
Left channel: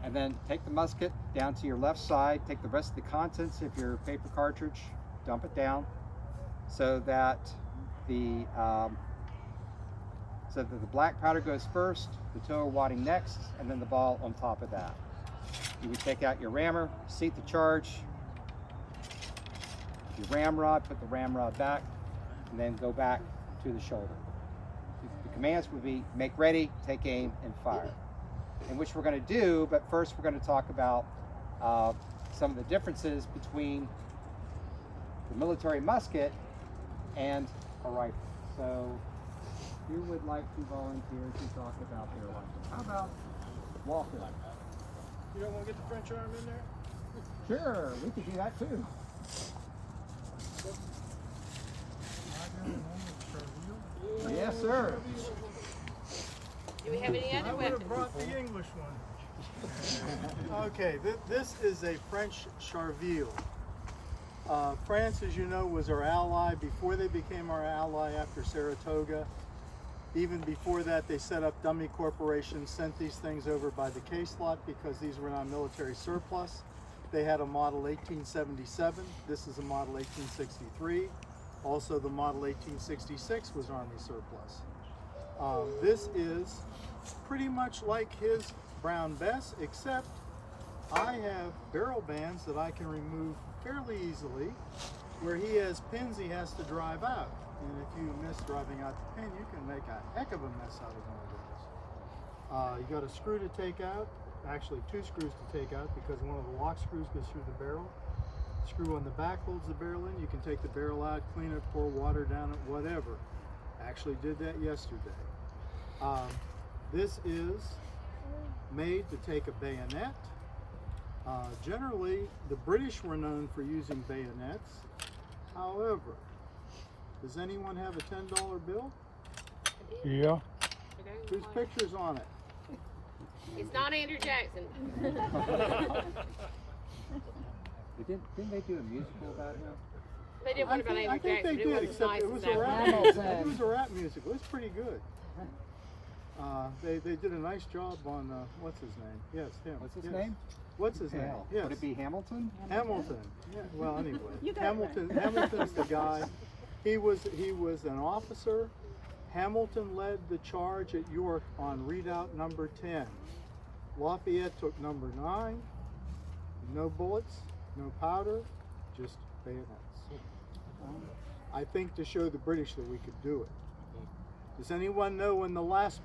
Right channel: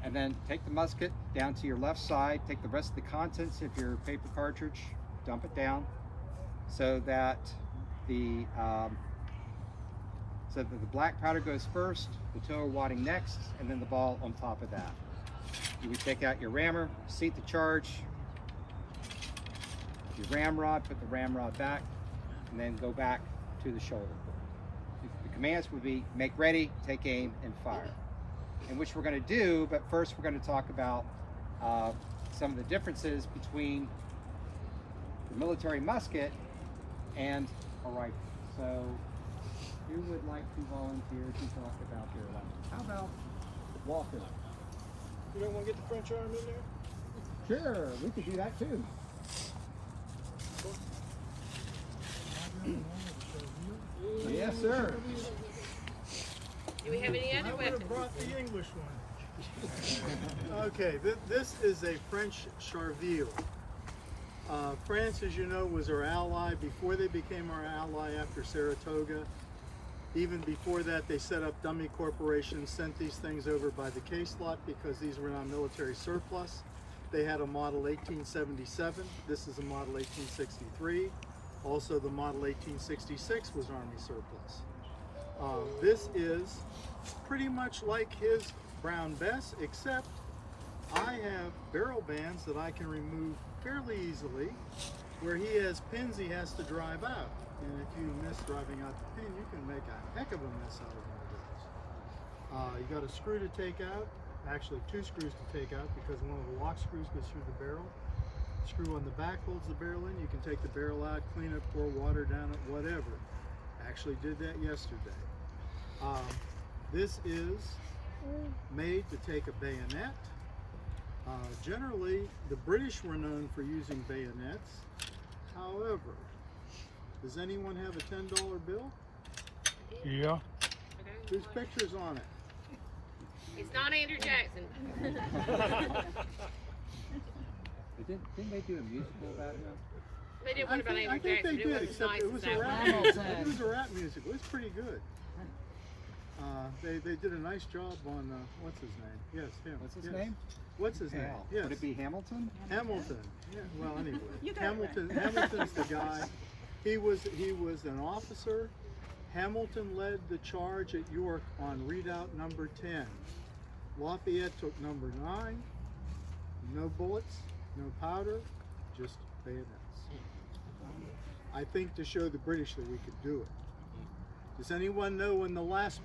And then take the musket down to your left side, take the rest of the contents of your paper cartridge, dump it down so that the black powder goes first, the toe wadding next, and then the ball on top of that. You would take out your rammer, seat the charge, your ramrod, put the ramrod back, and then go back to the shoulder. The commands would be make ready, take aim, and fire. And which we're going to do, but first we're going to talk about some of the differences between the military musket and a rifle. So who would like to volunteer to talk about their rifle? How about Walker? You don't want to get the French arm in there? Sure, we could do that too. Yes, sir. Do we have any other I would weapons? have brought the English one. Okay, this is a French Charville. France, as you know, was our ally before they became our ally after Saratoga. Even before that, they set up dummy corporations, sent these things over by the case lot because these were now military surplus. They had a model 1877. This is a model 1863. Also, the model 1866 was Army surplus. This is pretty much like his Brown Bess, except I have barrel bands that I can remove fairly easily, where he has pins he has to drive out. And if you miss driving out the pin, you can make a heck of a mess out of one of those. You got a screw to take out, actually two screws to take out because one of the lock screws goes through the barrel. Screw on the back holds the barrel in. You can take the barrel out, clean it, pour water down it, whatever. Actually did that yesterday. This is made to take a bayonet. Generally, the British were known for using bayonets. However, does anyone have a $10 bill? Yeah. Whose picture's on it? It's not Andrew Jackson. Didn't they do a musical about him? They did one about I Andrew think they Jackson. did, It except wasn't it was nice a as rap that. music. It was a rap music. It was pretty good. They did a nice job on what's his name? Yes, him. What's his Yes. name? What's his name? Yes. Would it be Hamilton? Hamilton. Yeah. Well, anyway, Hamilton's the guy. He was an officer. Hamilton led the charge at York on redoubt number 10. Lafayette took number 9. No bullets, no powder, just bayonets. I think to show the British that we could do it. Does anyone know when the last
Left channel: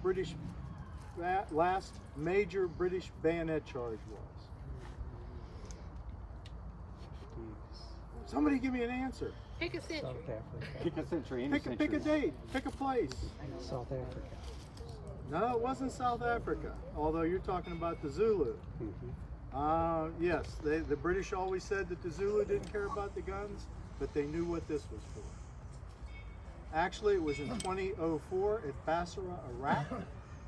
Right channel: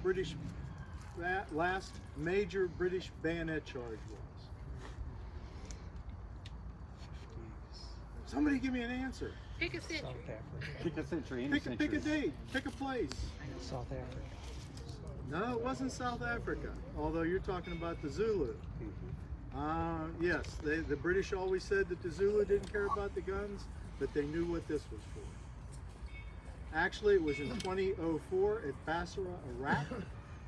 major British bayonet charge was? Somebody give me an answer. Pick a century. Pick a century, any century. Pick a date, pick a place. South Africa. No, it wasn't South Africa, although you're talking about the Zulu. Yes, the British always said that the Zulu didn't care about the guns, but they knew what this was for. Actually, it was in 2004 at Basra, Iraq.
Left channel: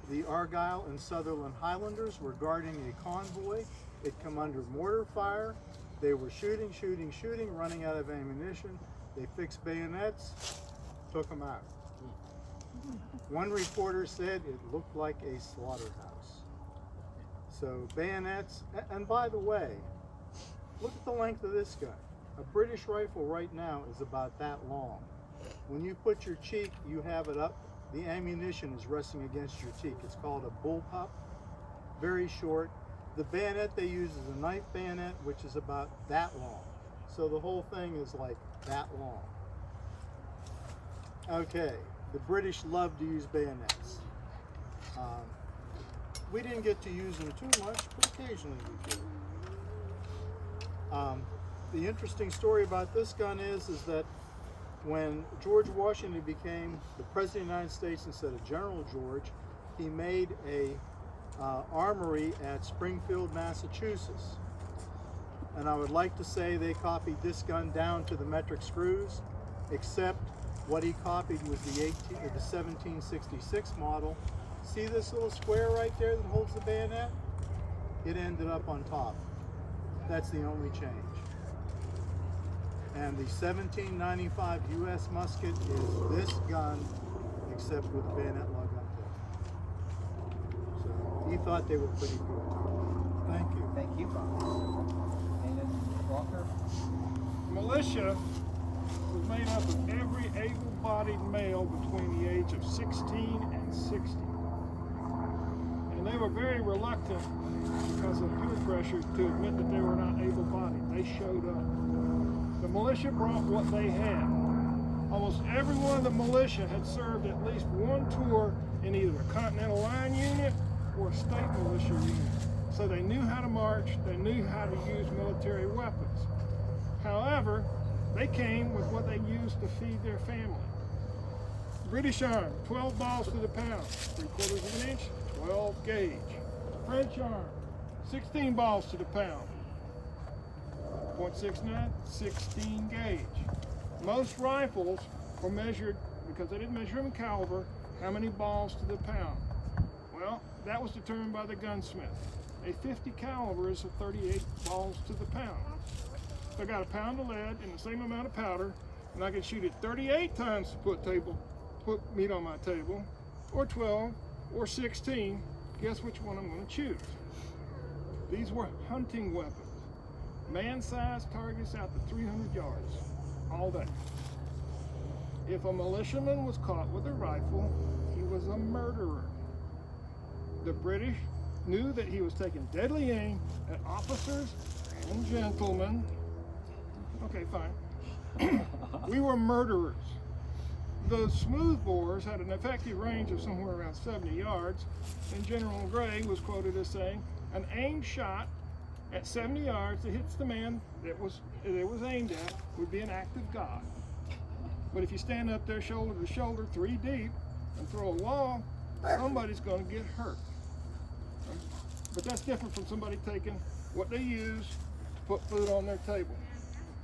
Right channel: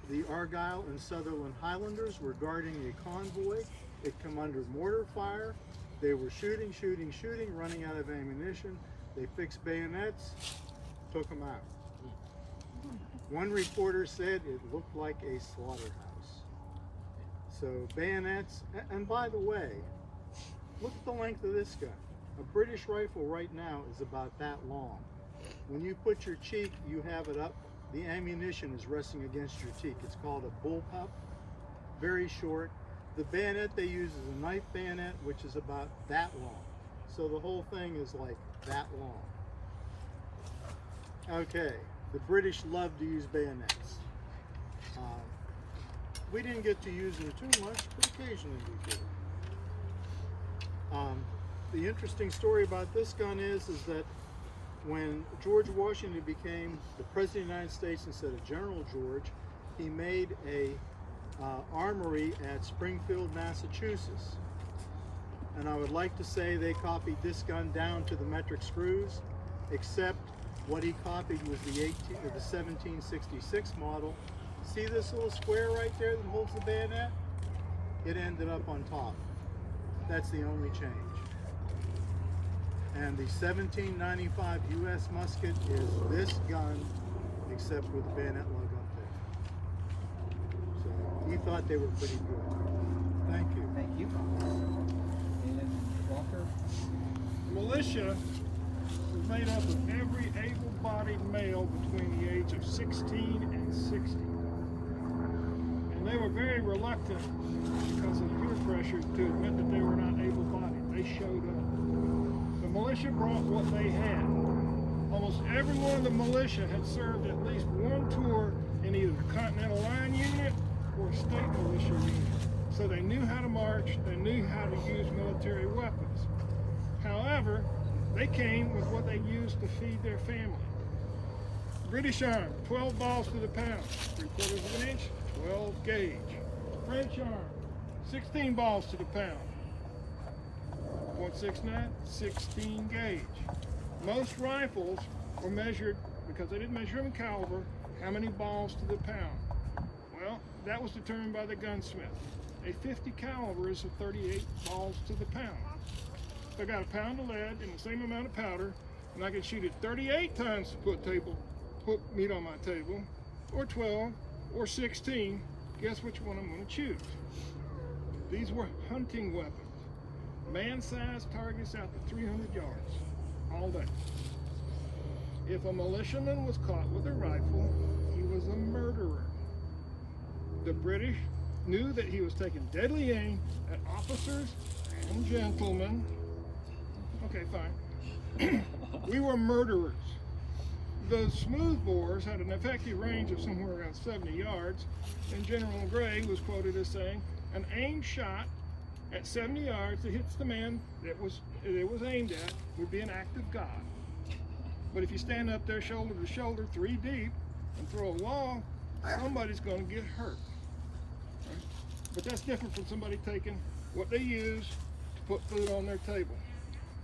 The Argyle and Sutherland Highlanders were guarding a convoy. It come under mortar fire. They were shooting, running out of ammunition. They fixed bayonets, took them out. One reporter said it looked like a slaughterhouse. So bayonets, and by the way, look at the length of this gun. A British rifle right now is about that long. When you put your cheek, you have it up. The ammunition is resting against your cheek. It's called a bullpup, very short. The bayonet they use is a knife bayonet, which is about that long. So the whole thing is like that long. Okay, the British love to use bayonets. We didn't get to use them too much, but occasionally we did. The interesting story about this gun is that when George Washington became the President of the United States instead of General George, he made a armory at Springfield, Massachusetts. And I would like to say they copied this gun down to the metric screws, except what he copied was the 1766 model. See this little square right there that holds the bayonet? It ended up on top. That's the only change. And the 1795 US musket is this gun, except with the bayonet lug up there. So he thought they were pretty good. Thank you. Thank you, Bob. And then Walker. Militia was made up of every able-bodied male between the age of 16 and 60. And they were very reluctant, because of peer pressure, to admit that they were not able-bodied. They showed up. The militia brought what they had. Almost every one of the militia had served at least one tour in either a Continental Line unit or a state militia unit. So they knew how to march, they knew how to use military weapons. However, they came with what they used to feed their family. British arm, 12 balls to the pound, 3/4 of an inch, 12 gauge. French arm, 16 balls to the pound, .69, 16 gauge. Most rifles were measured, because they didn't measure them in caliber, how many balls to the pound. Well, that was determined by the gunsmith. A 50 caliber is 38 balls to the pound. If I got a pound of lead and the same amount of powder, and I could shoot it 38 times to put meat on my table, or 12, or 16, guess which one I'm going to choose? These were hunting weapons. Man-sized targets out to 300 yards, all day. If a militiaman was caught with a rifle, he was a murderer. The British knew that he was taking deadly aim at officers and gentlemen. Okay, fine. We were murderers. Those smoothbores had an effective range of somewhere around 70 yards, and General Gray was quoted as saying, an aimed shot at 70 yards that hits the man that it was aimed at would be an act of God. But if you stand up there shoulder to shoulder, 3 deep, and throw a log, somebody's going to get hurt. But that's different from somebody taking what they use to put food on their table.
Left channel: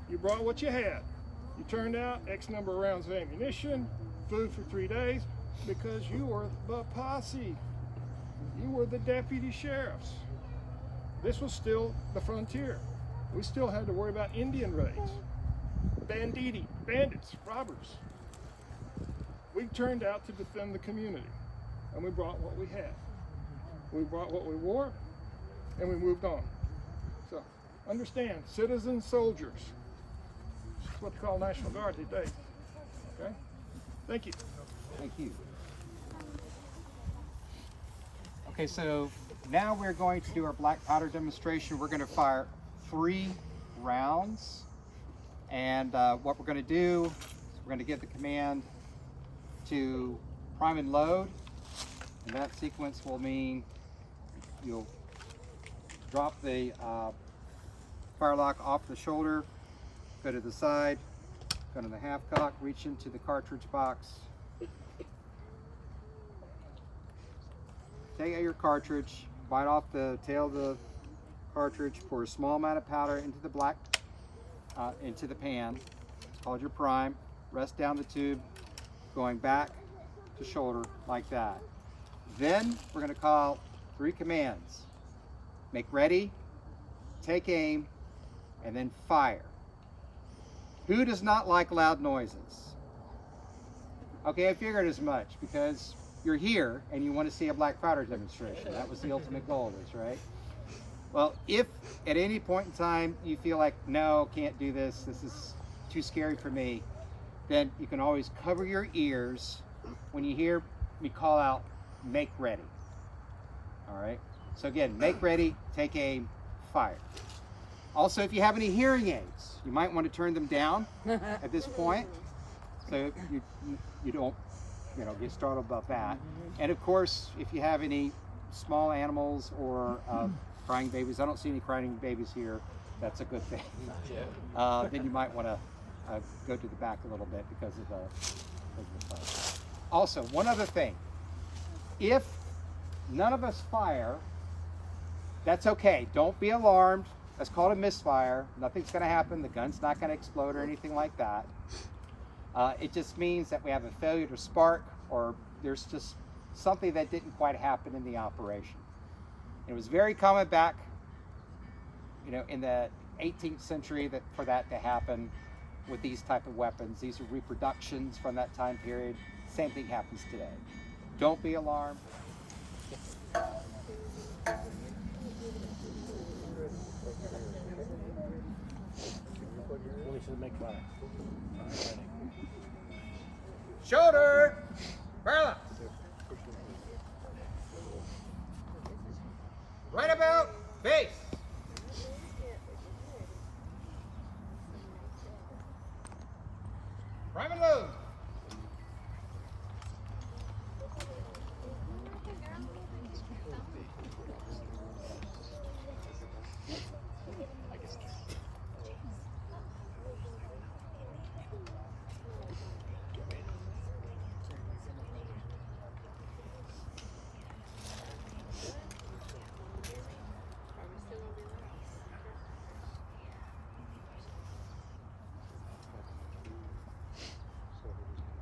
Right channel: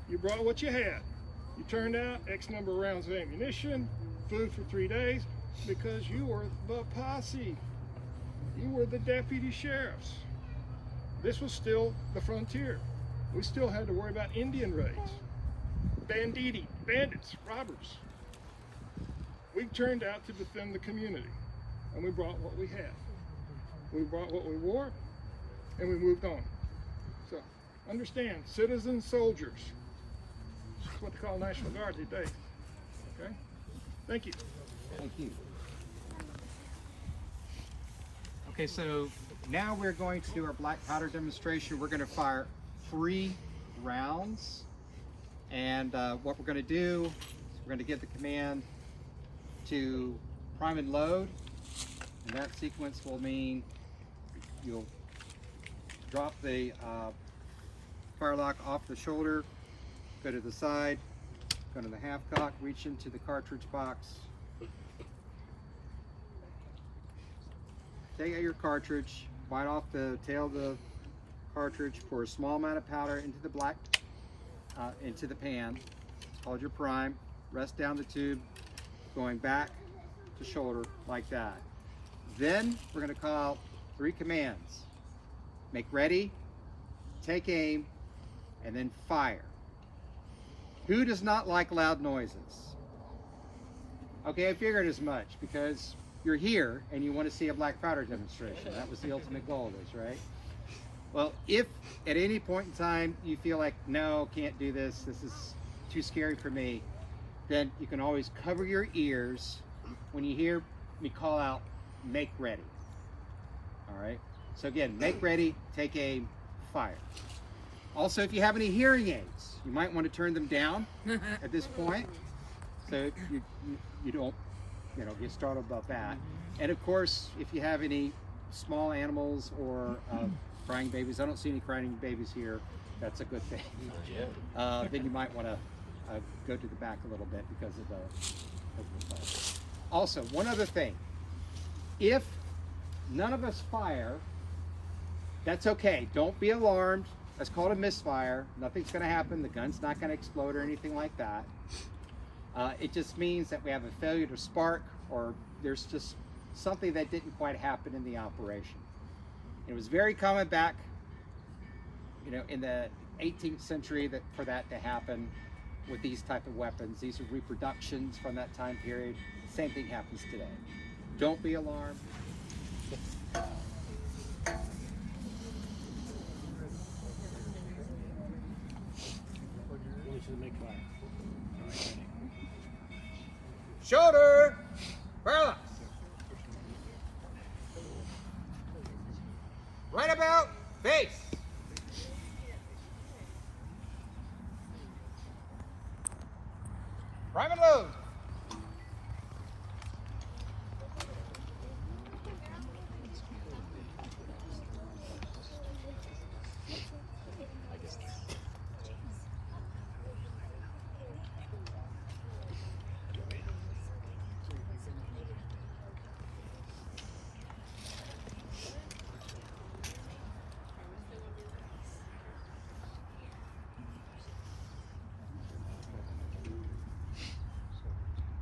You brought what you had. You turned out X number of rounds of ammunition, food for 3 days, because you were the posse. You were the deputy sheriffs. This was still the frontier. We still had to worry about Indian raids, banditti, bandits, robbers. We turned out to defend the community, and we brought what we had. We brought what we wore, and we moved on. So, understand, citizen soldiers. That's what they call National Guard these days. Okay? Thank you. Thank you. Okay, so now we're going to do our black powder demonstration. We're going to fire 3 rounds. And what we're going to do is we're going to give the command to prime and load. And that sequence will mean you'll drop the firelock off the shoulder, go to the side, go to the half cock, reach into the cartridge box. Take out your cartridge, bite off the tail of the cartridge, pour a small amount of powder into the into the pan. It's called your prime. Rest down the tube, going back to shoulder like that. Then we're going to call 3 commands. Make ready, take aim, and then fire. Who does not like loud noises? Okay, I figured as much, because you're here and you want to see a black powder demonstration. That was the ultimate goal of this, right? Well, if at any point in time you feel like, no, can't do this, this is too scary for me, then you can always cover your ears when you hear me call out, make ready. All right? So again, make ready, take aim, fire. Also, if you have any hearing aids, you might want to turn them down at this point. so you don't, get startled about that. And of course, if you have any small animals or crying babies, I don't see any crying babies here. That's a good thing. Then you might want to go to the back a little bit because of the fire. Also, one other thing. If none of us fire, that's okay. Don't be alarmed. That's called a misfire. Nothing's going to happen. The gun's not going to explode or anything like that. It just means that we have a failure to spark, or there's just something that didn't quite happen in the operation. It was very common back, in the 18th century for that to happen with these type of weapons. These are reproductions from that time period. Same thing happens today. Don't be alarmed. Shoulder, parallax. Right about face. Prime and load.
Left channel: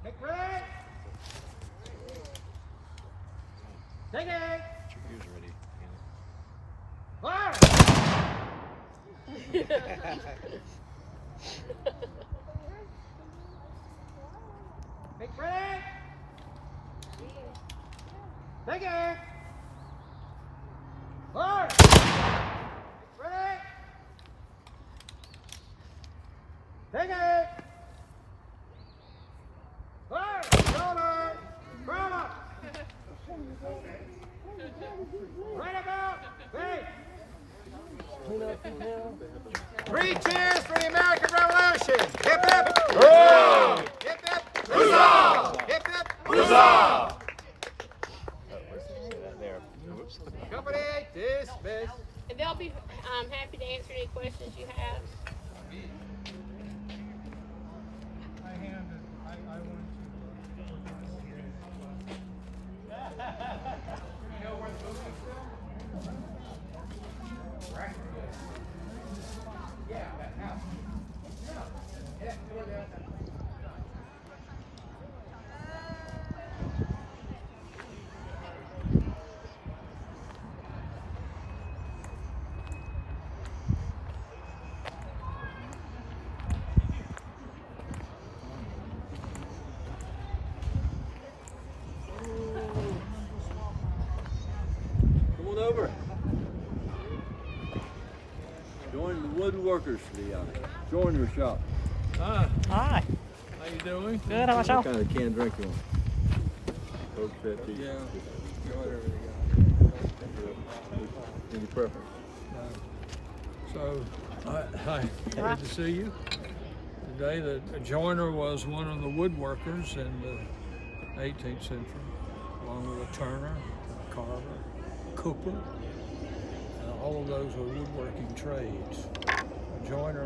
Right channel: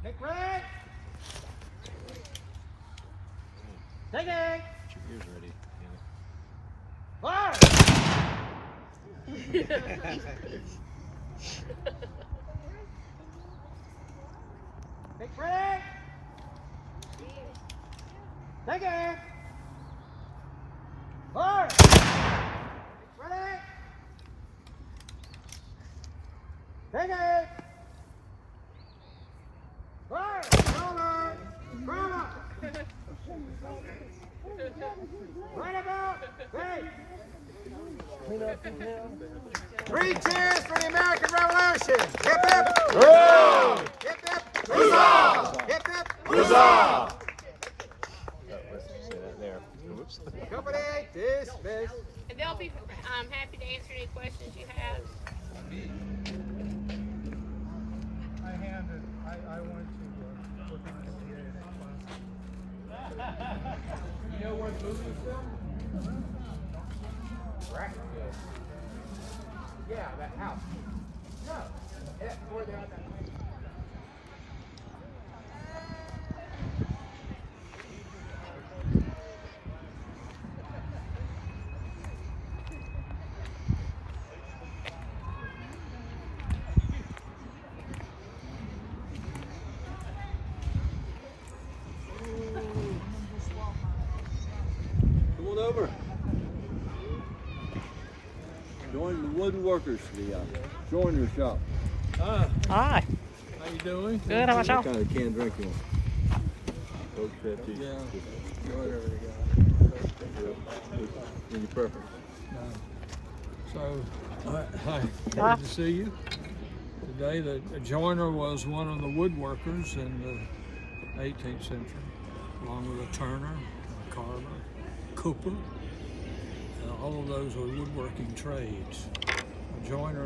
Take right. Take it. Fire. Take right. Take it. Fire. Right. Take it. Fire! Shoulder! Bravo! Right about! Face! 3 cheers for the American Revolution! Hip hip! Hurrah! Hip hip! Huzzah! Hip hip! Huzzah! Company dismissed. And they'll be happy to answer any questions you have. Over. Join the woodworkers, the joinery shop. Hi. Hi. How you doing? Good. How about y'all? What kind of canned drink you want? Coke, Pepsi. Yeah. Whatever they got. Any preference? Hi. Good to see you. Today, the joiner was one of the woodworkers in the 18th century, along with a turner, a carver, cooper. All of those were woodworking trades. A joiner,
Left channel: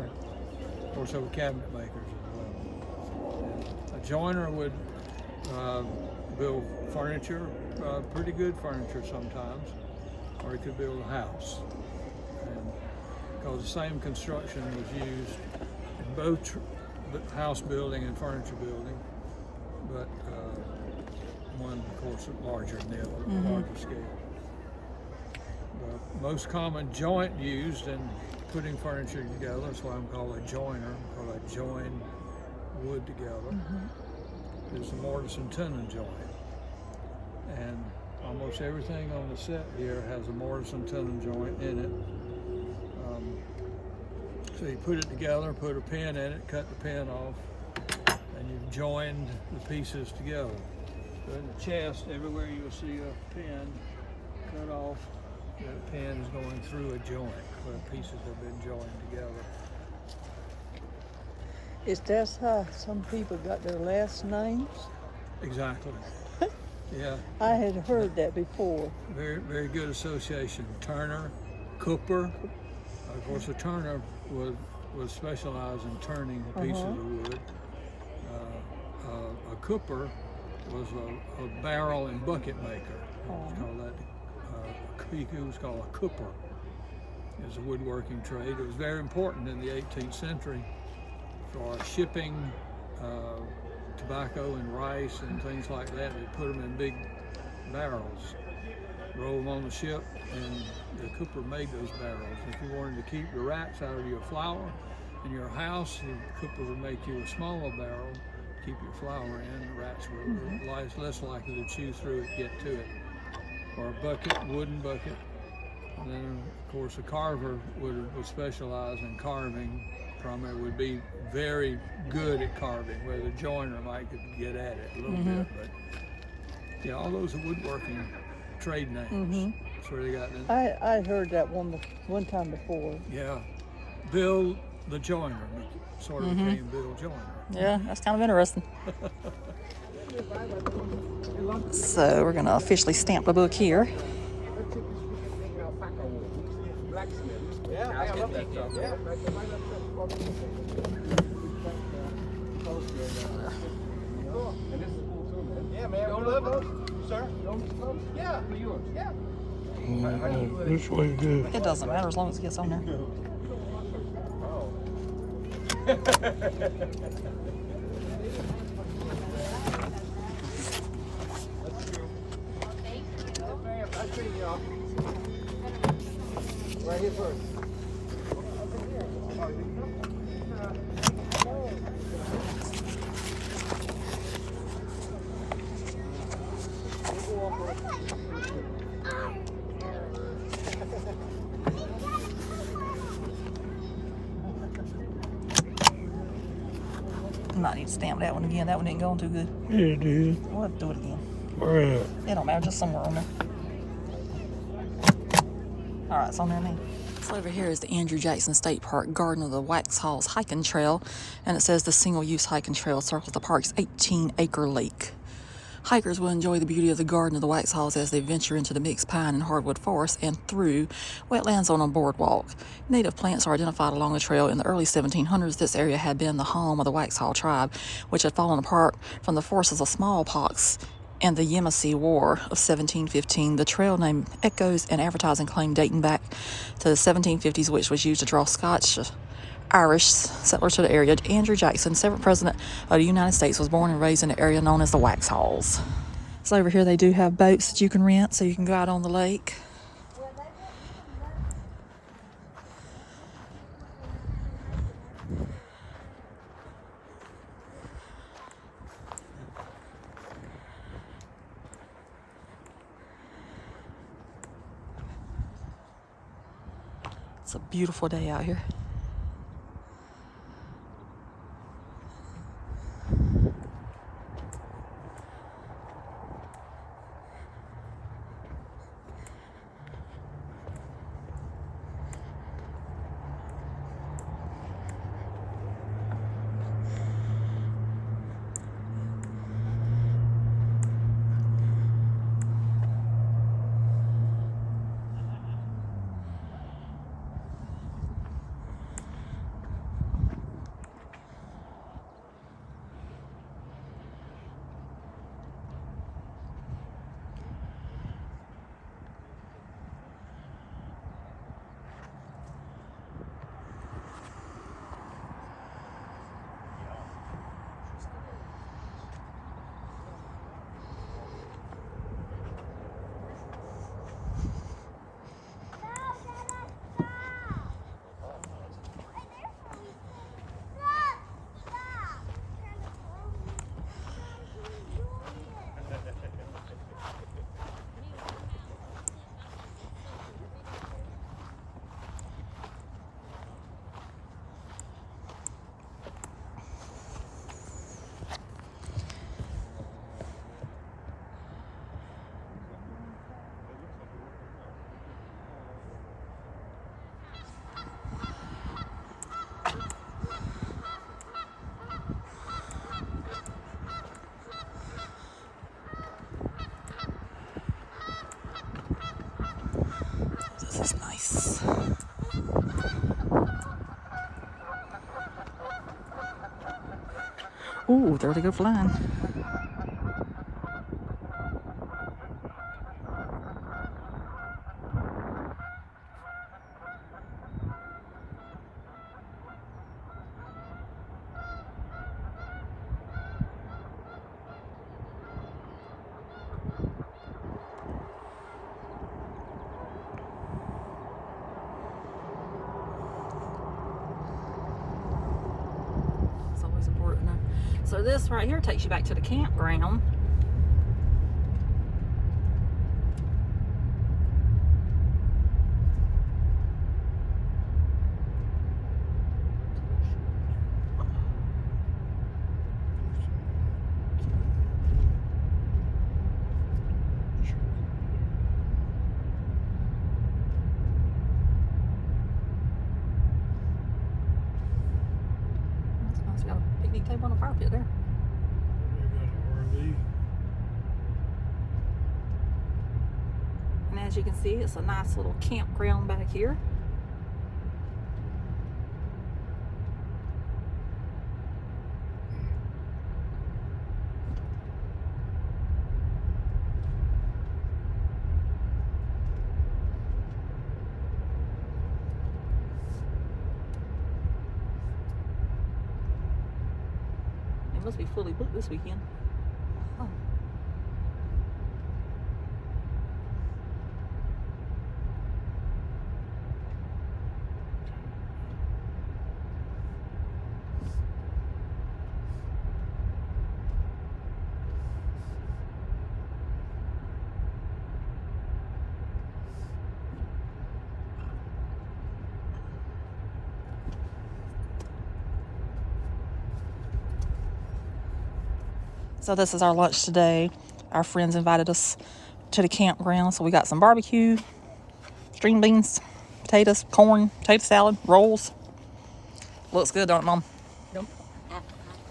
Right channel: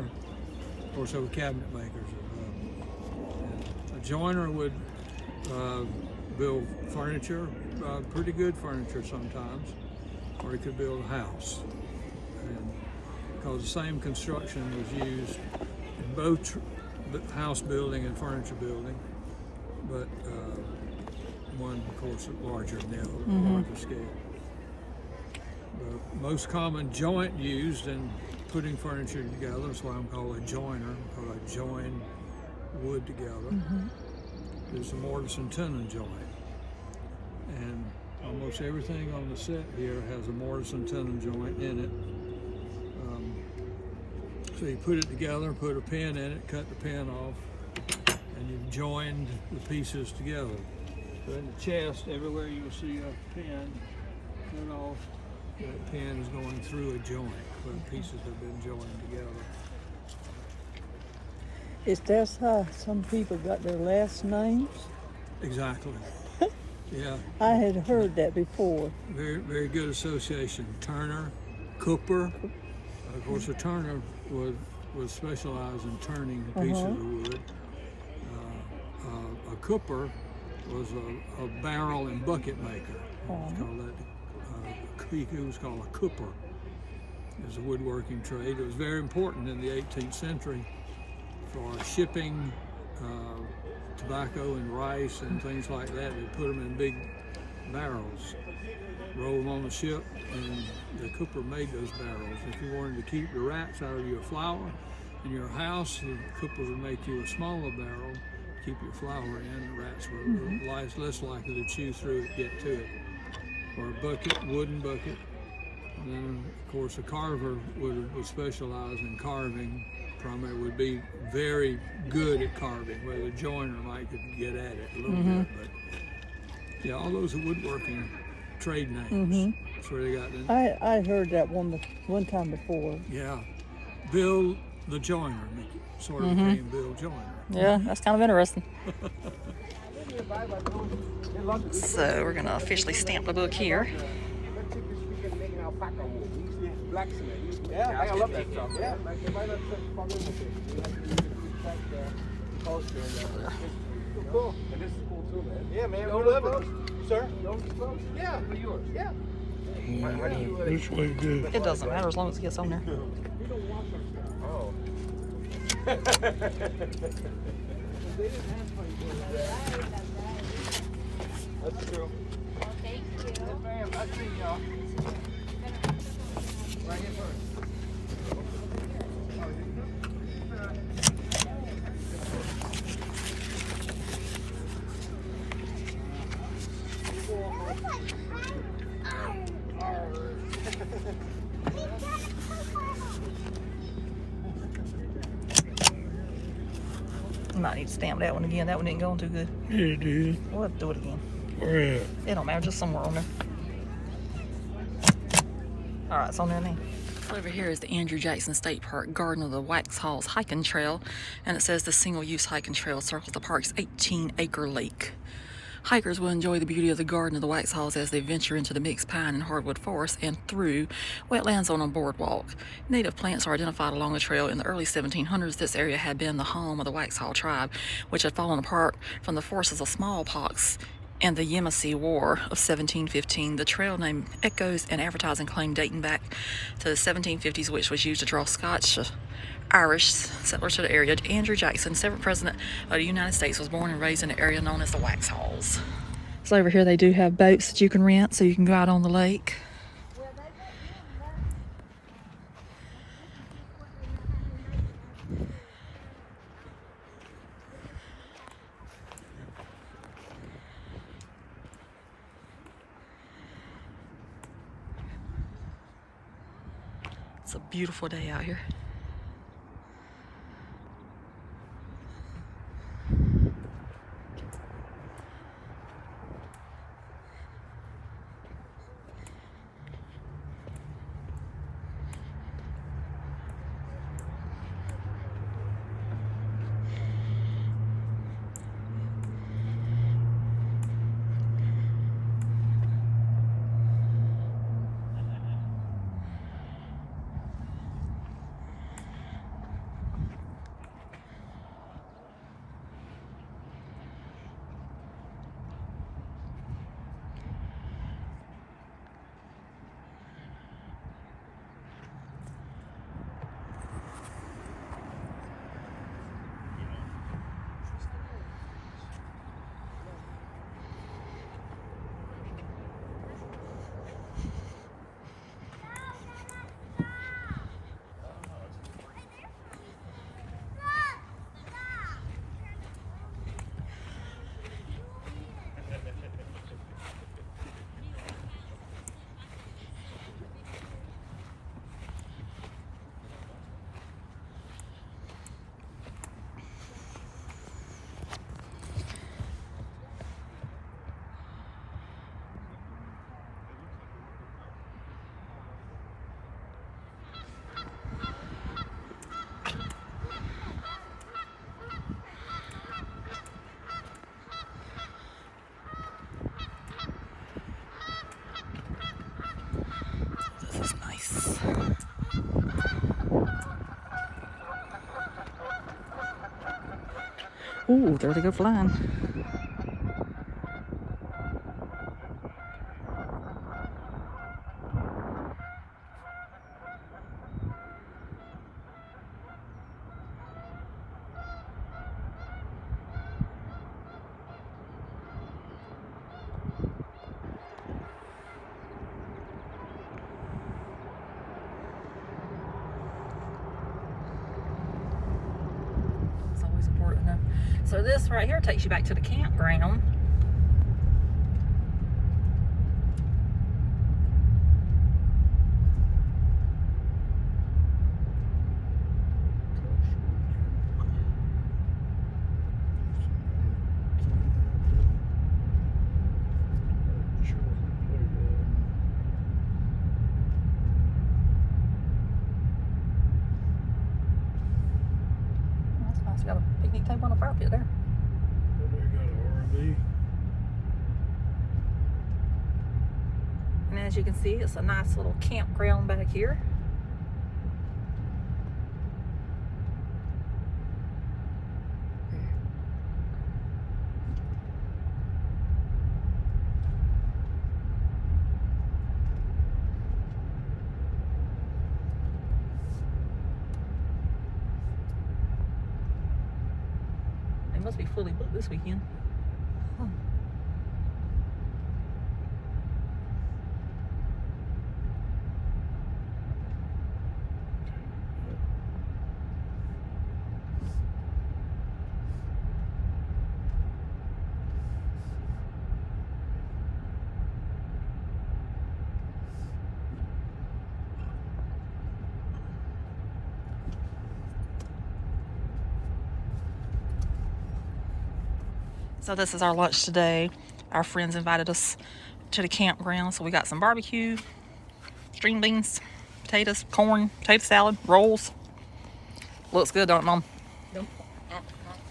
of course, they were cabinet makers as well. And a joiner would build furniture, pretty good furniture sometimes, or he could build a house. And because the same construction was used in both house building and furniture building, but one, of course, larger than the other, larger scale. The most common joint used in putting furniture together, that's why I'm called a joiner, because I join wood together, is the mortise and tenon joint. And almost everything on the set here has a mortise and tenon joint in it. So you put it together, put a pin in it, cut the pin off, and you've joined the pieces together. So in the chest, everywhere you'll see a pin cut off, that pin is going through a joint where the pieces have been joined together. Is that how some people got their last names? Exactly. Yeah. I had heard that before. Very good association. Turner, Cooper. Of course, a turner was specialized in turning pieces of wood. A cooper was a barrel and bucket maker. It was called that. It was called a cooper. It was a woodworking trade. It was very important in the 18th century for shipping tobacco and rice and things like that. They put them in big barrels, roll them on the ship, and the cooper made those barrels. If you wanted to keep the rats out of your flour in your house, the cooper would make you a smaller barrel to keep your flour in. The rats were less likely to chew through it, get to it. Or a bucket, wooden bucket. And then, of course, a carver would specialize in carving. Primarily would be very good at carving, where the joiner might get at it a little bit. But yeah, all those are woodworking trade names. That's where they got them. I heard that one time before. Yeah, Bill the joiner sort of became Bill Joiner. Yeah, that's kind of interesting. So we're gonna officially stamp the book here. Yeah, man, we love it, sir. Yeah, This way good. It doesn't matter as long as it gets on there. I see y'all. Right here first. Might need to stamp that one again. That one didn't go on too good. Yeah, it did. We'll have to do it again. Where at? It don't matter, just somewhere on there. All right, it's on there now. So over here is the Andrew Jackson State Park Garden of the Waxhaws hiking trail, and it says the single-use hiking trail circles the park's 18-acre lake. Hikers will enjoy the beauty of the Garden of the Waxhaws as they venture into the mixed pine and hardwood forest and through wetlands on a boardwalk. Native plants are identified along the trail. In the early 1700s, this area had been the home of the Waxhaw tribe, which had fallen apart from the forces of smallpox and the Yamasee War of 1715. The trail name echoes an advertising claim dating back to the 1750s, which was used to draw Scotch Irish settlers to the area. Andrew Jackson, 7th President of the United States, was born and raised in the area known as the Waxhaws. So over here they do have boats that you can rent so you can go out on the lake. It's a beautiful day out here. This is nice. Ooh, there they go flying. It's always important. So this right here takes you back to the campground. That's nice. Got a picnic table and a fire pit there. And as you can see, it's a nice little campground back here. They must be fully booked this weekend. Oh. So this is our lunch today. Our friends invited us to the campground, so we got some barbecue, string beans, potatoes, corn, potato salad, rolls. Looks good, don't it, Mom? Yep.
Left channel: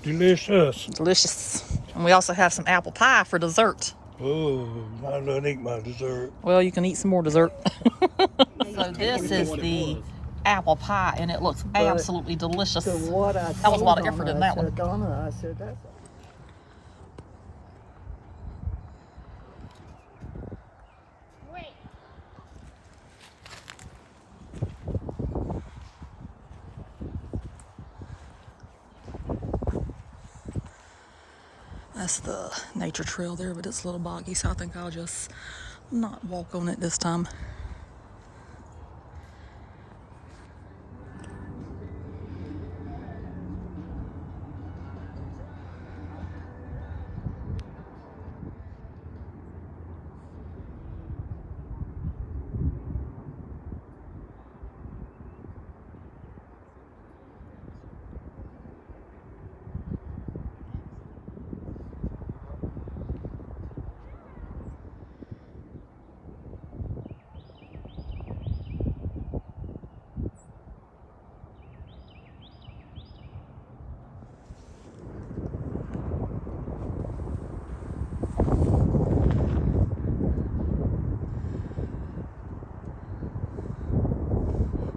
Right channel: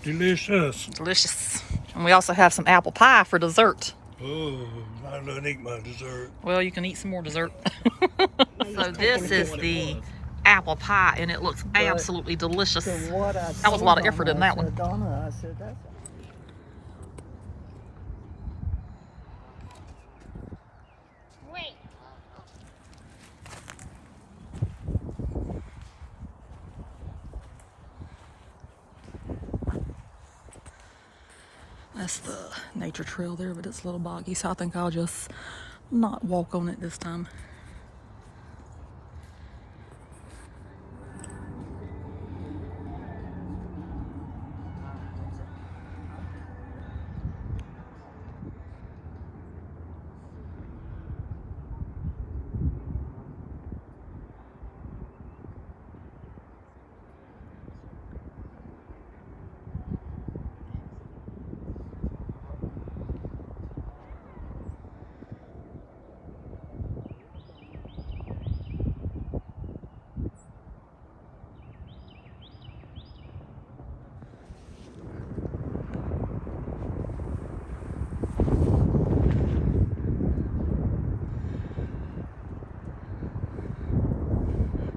Delicious. Delicious. And we also have some apple pie for dessert. Oh, I don't eat my dessert. Well, you can eat some more dessert. So this is the apple pie, and it looks absolutely delicious. So what I That was a lot of effort in that one. Donna, I said, that's That's the nature trail there, but it's a little boggy, so I think I'll just not walk on it this time.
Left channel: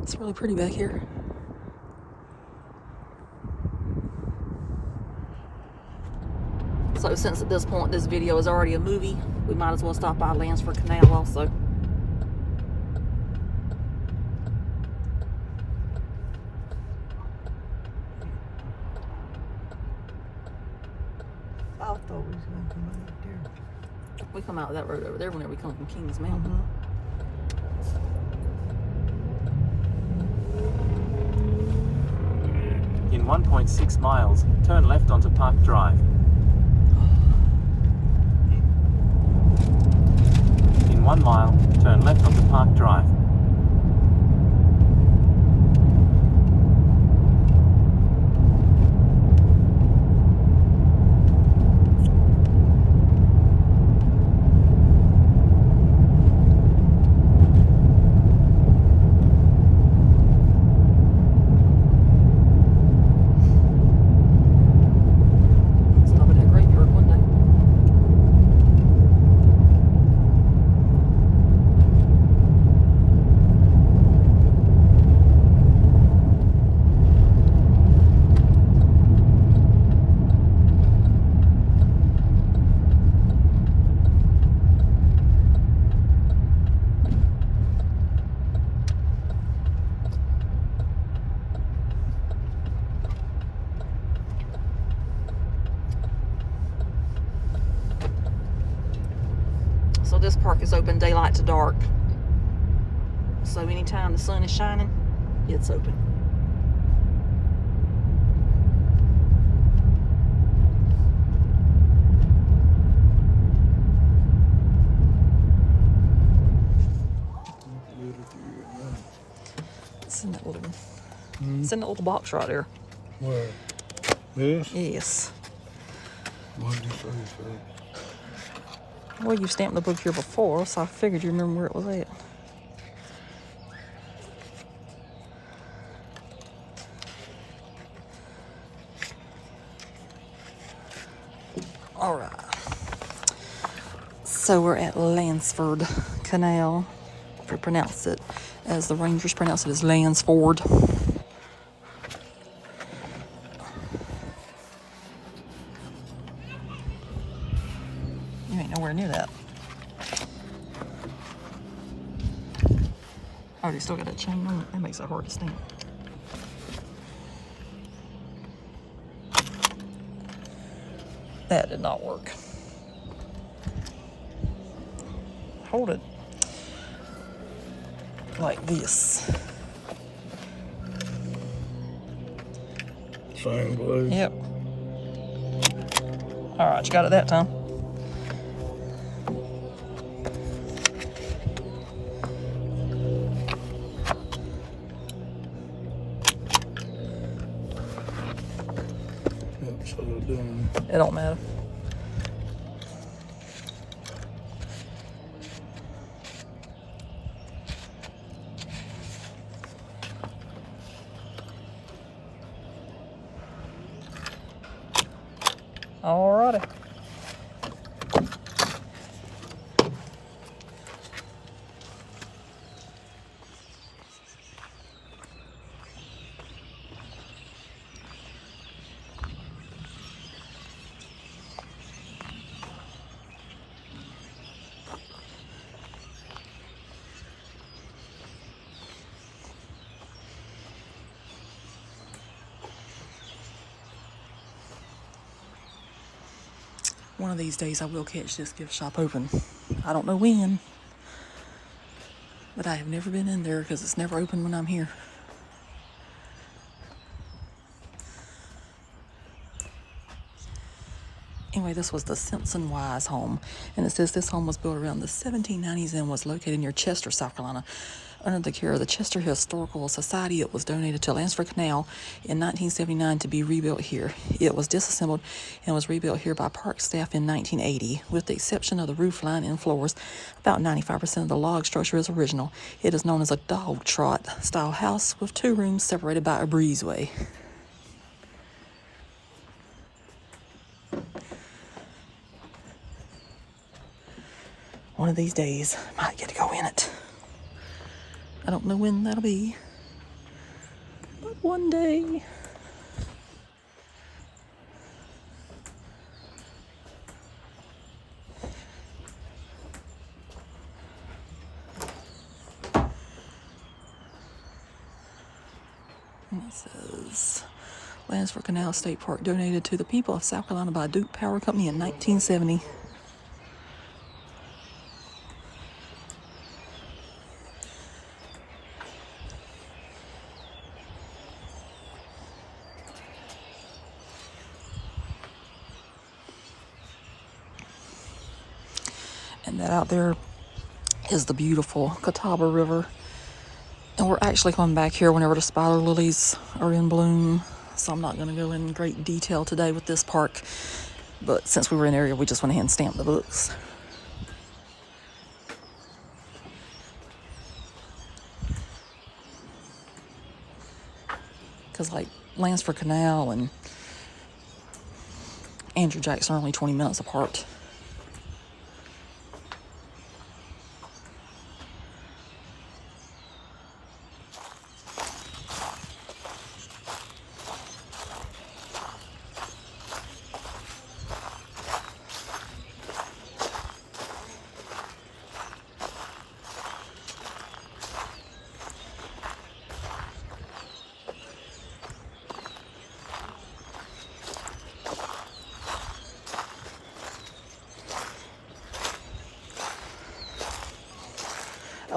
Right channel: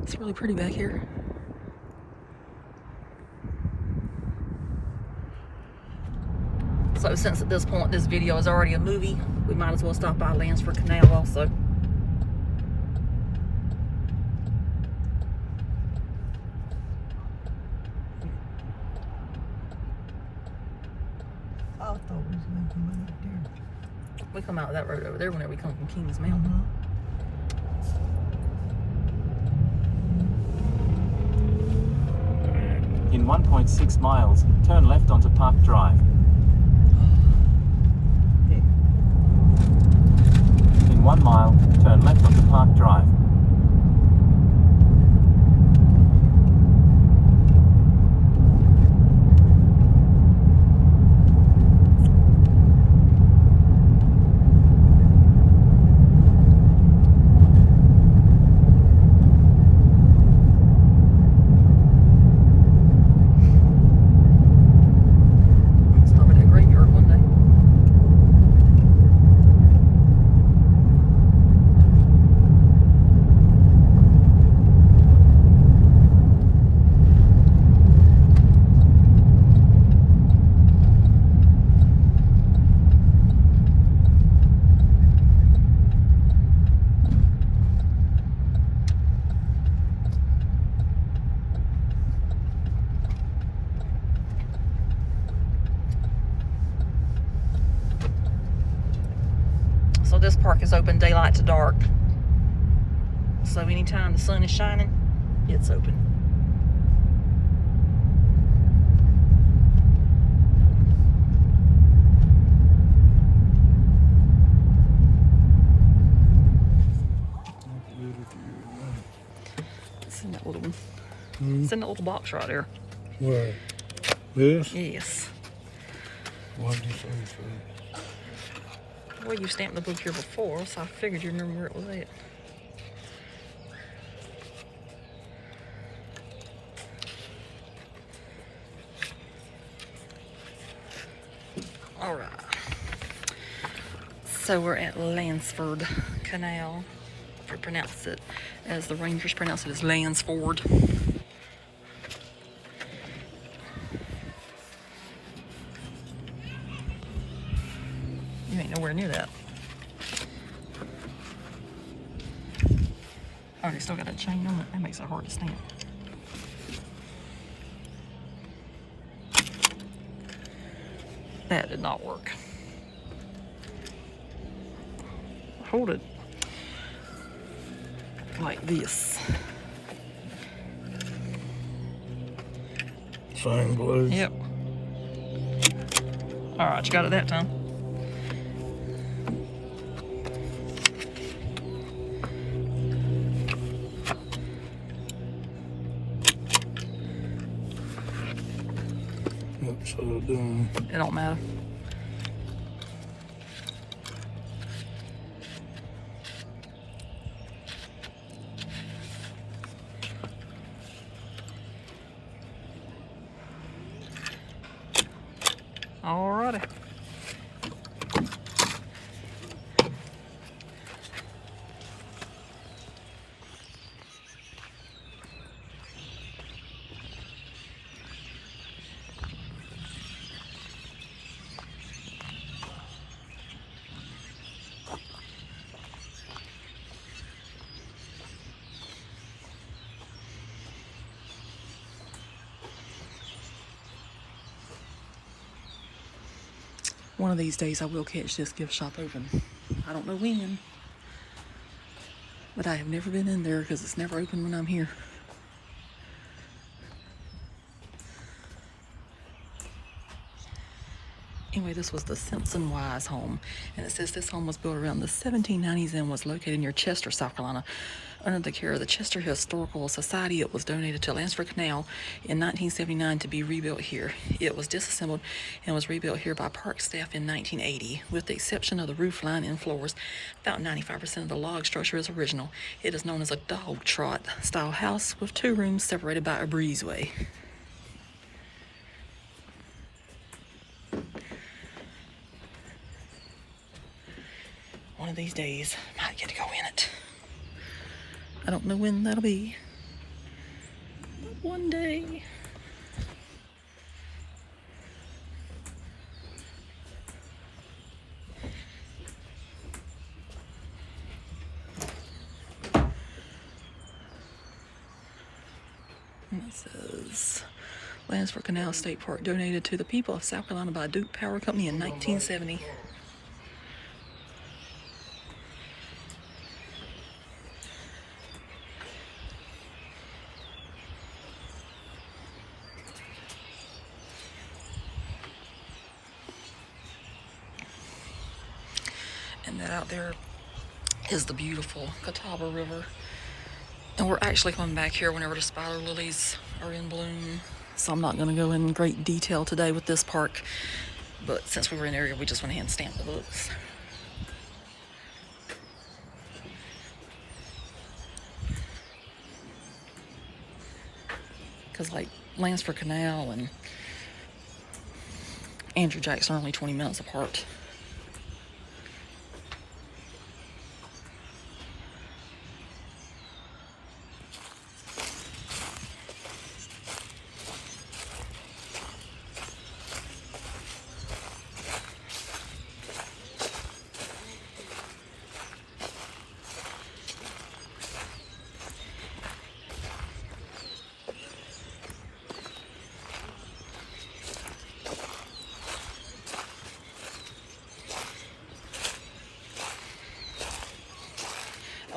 It's really pretty back here. So since at this point this video is already a movie, we might as well stop by Landsford Canal also. I thought we was going to come out there. We come out that road over there whenever we come from Kings Mountain. In 1.6 miles, turn left onto Park Drive. In 1 mile, turn left onto Park Drive. Park is open daylight to dark. So anytime the sun is shining, it's open. It's in that little one. It's in that little box right there. Where? This? Yes. What did you say, sir? Well, you stamped the book here before, so I figured you remember where it was at. All right. So we're at Landsford Canal. If you pronounce it as the Rangers pronounce it as Landsford. You ain't nowhere near that. Oh, you still got that chain on it? That makes it hard to stamp. That did not work. Hold it like this. Same place? Yep. All right, you got it that time. It don't matter. Alrighty. One of these days I will catch this gift shop open. I don't know when, but I have never been in there because it's never open when I'm here. Anyway, this was the Simpson Wise home, and it says this home was built around the 1790s and was located near Chester, South Carolina. Under the care of the Chester Historical Society, it was donated to Landsford Canal in 1979 to be rebuilt here. It was disassembled and was rebuilt here by park staff in 1980. With the exception of the roof line and floors, about 95% of the log structure is original. It is known as a dog trot style house with 2 rooms separated by a breezeway. One of these days, I might get to go in it. I don't know when that'll be, but one day. And it says, Landsford Canal State Park donated to the people of South Carolina by Duke Power Company in 1970. And that out there is the beautiful Catawba River. And we're actually coming back here whenever the spider lilies are in bloom. So I'm not going to go in great detail today with this park. But since we were in the area, we just went ahead and stamped the books. Because like Landsford Canal and Andrew Jackson are only 20 minutes apart.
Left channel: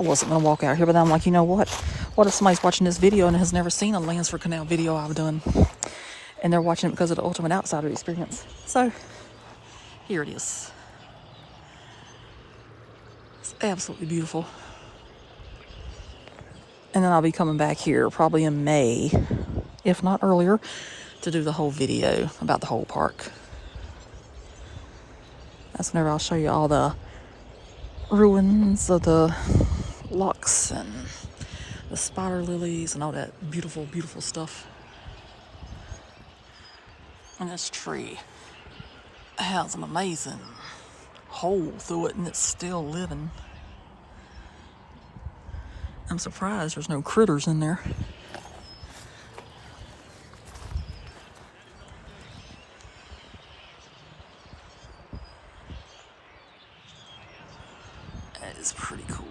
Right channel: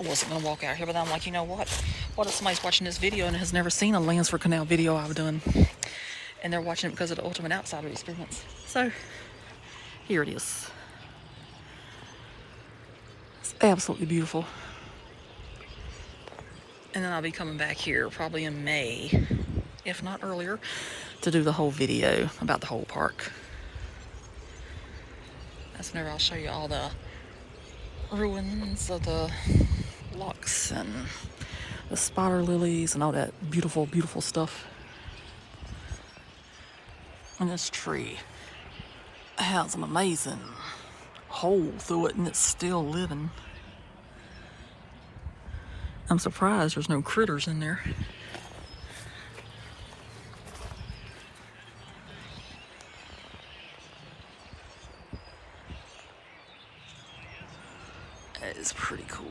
wasn't going to walk out here, but then I'm like, you know what? What if somebody's watching this video and has never seen a Landsford Canal video I've done? And they're watching it because of the Ultimate Outsider experience. So, here it is. It's absolutely beautiful. And then I'll be coming back here probably in May, if not earlier, to do the whole video about the whole park. That's whenever I'll show you all the ruins of the locks and the spider lilies and all that beautiful, beautiful stuff. And this tree has an amazing hole through it and it's still living. I'm surprised there's no critters in there. That is pretty cool.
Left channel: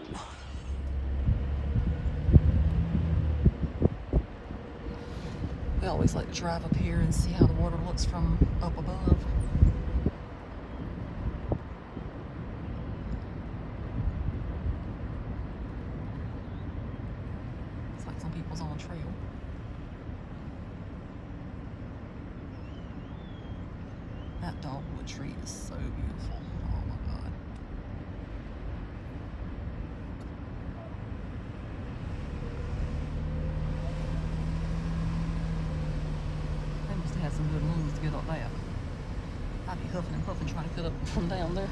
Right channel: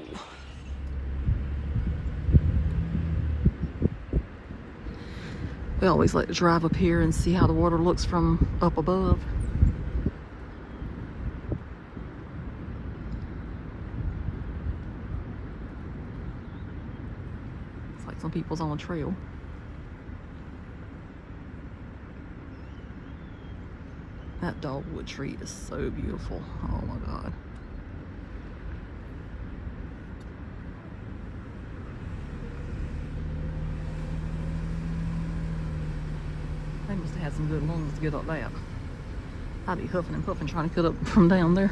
We always like to drive up here and see how the water looks from up above. It's like some people's on a trail. That dogwood tree is so beautiful. Oh my God. They must have had some good lungs to get up that. I'd be huffing and puffing trying to get up from down there.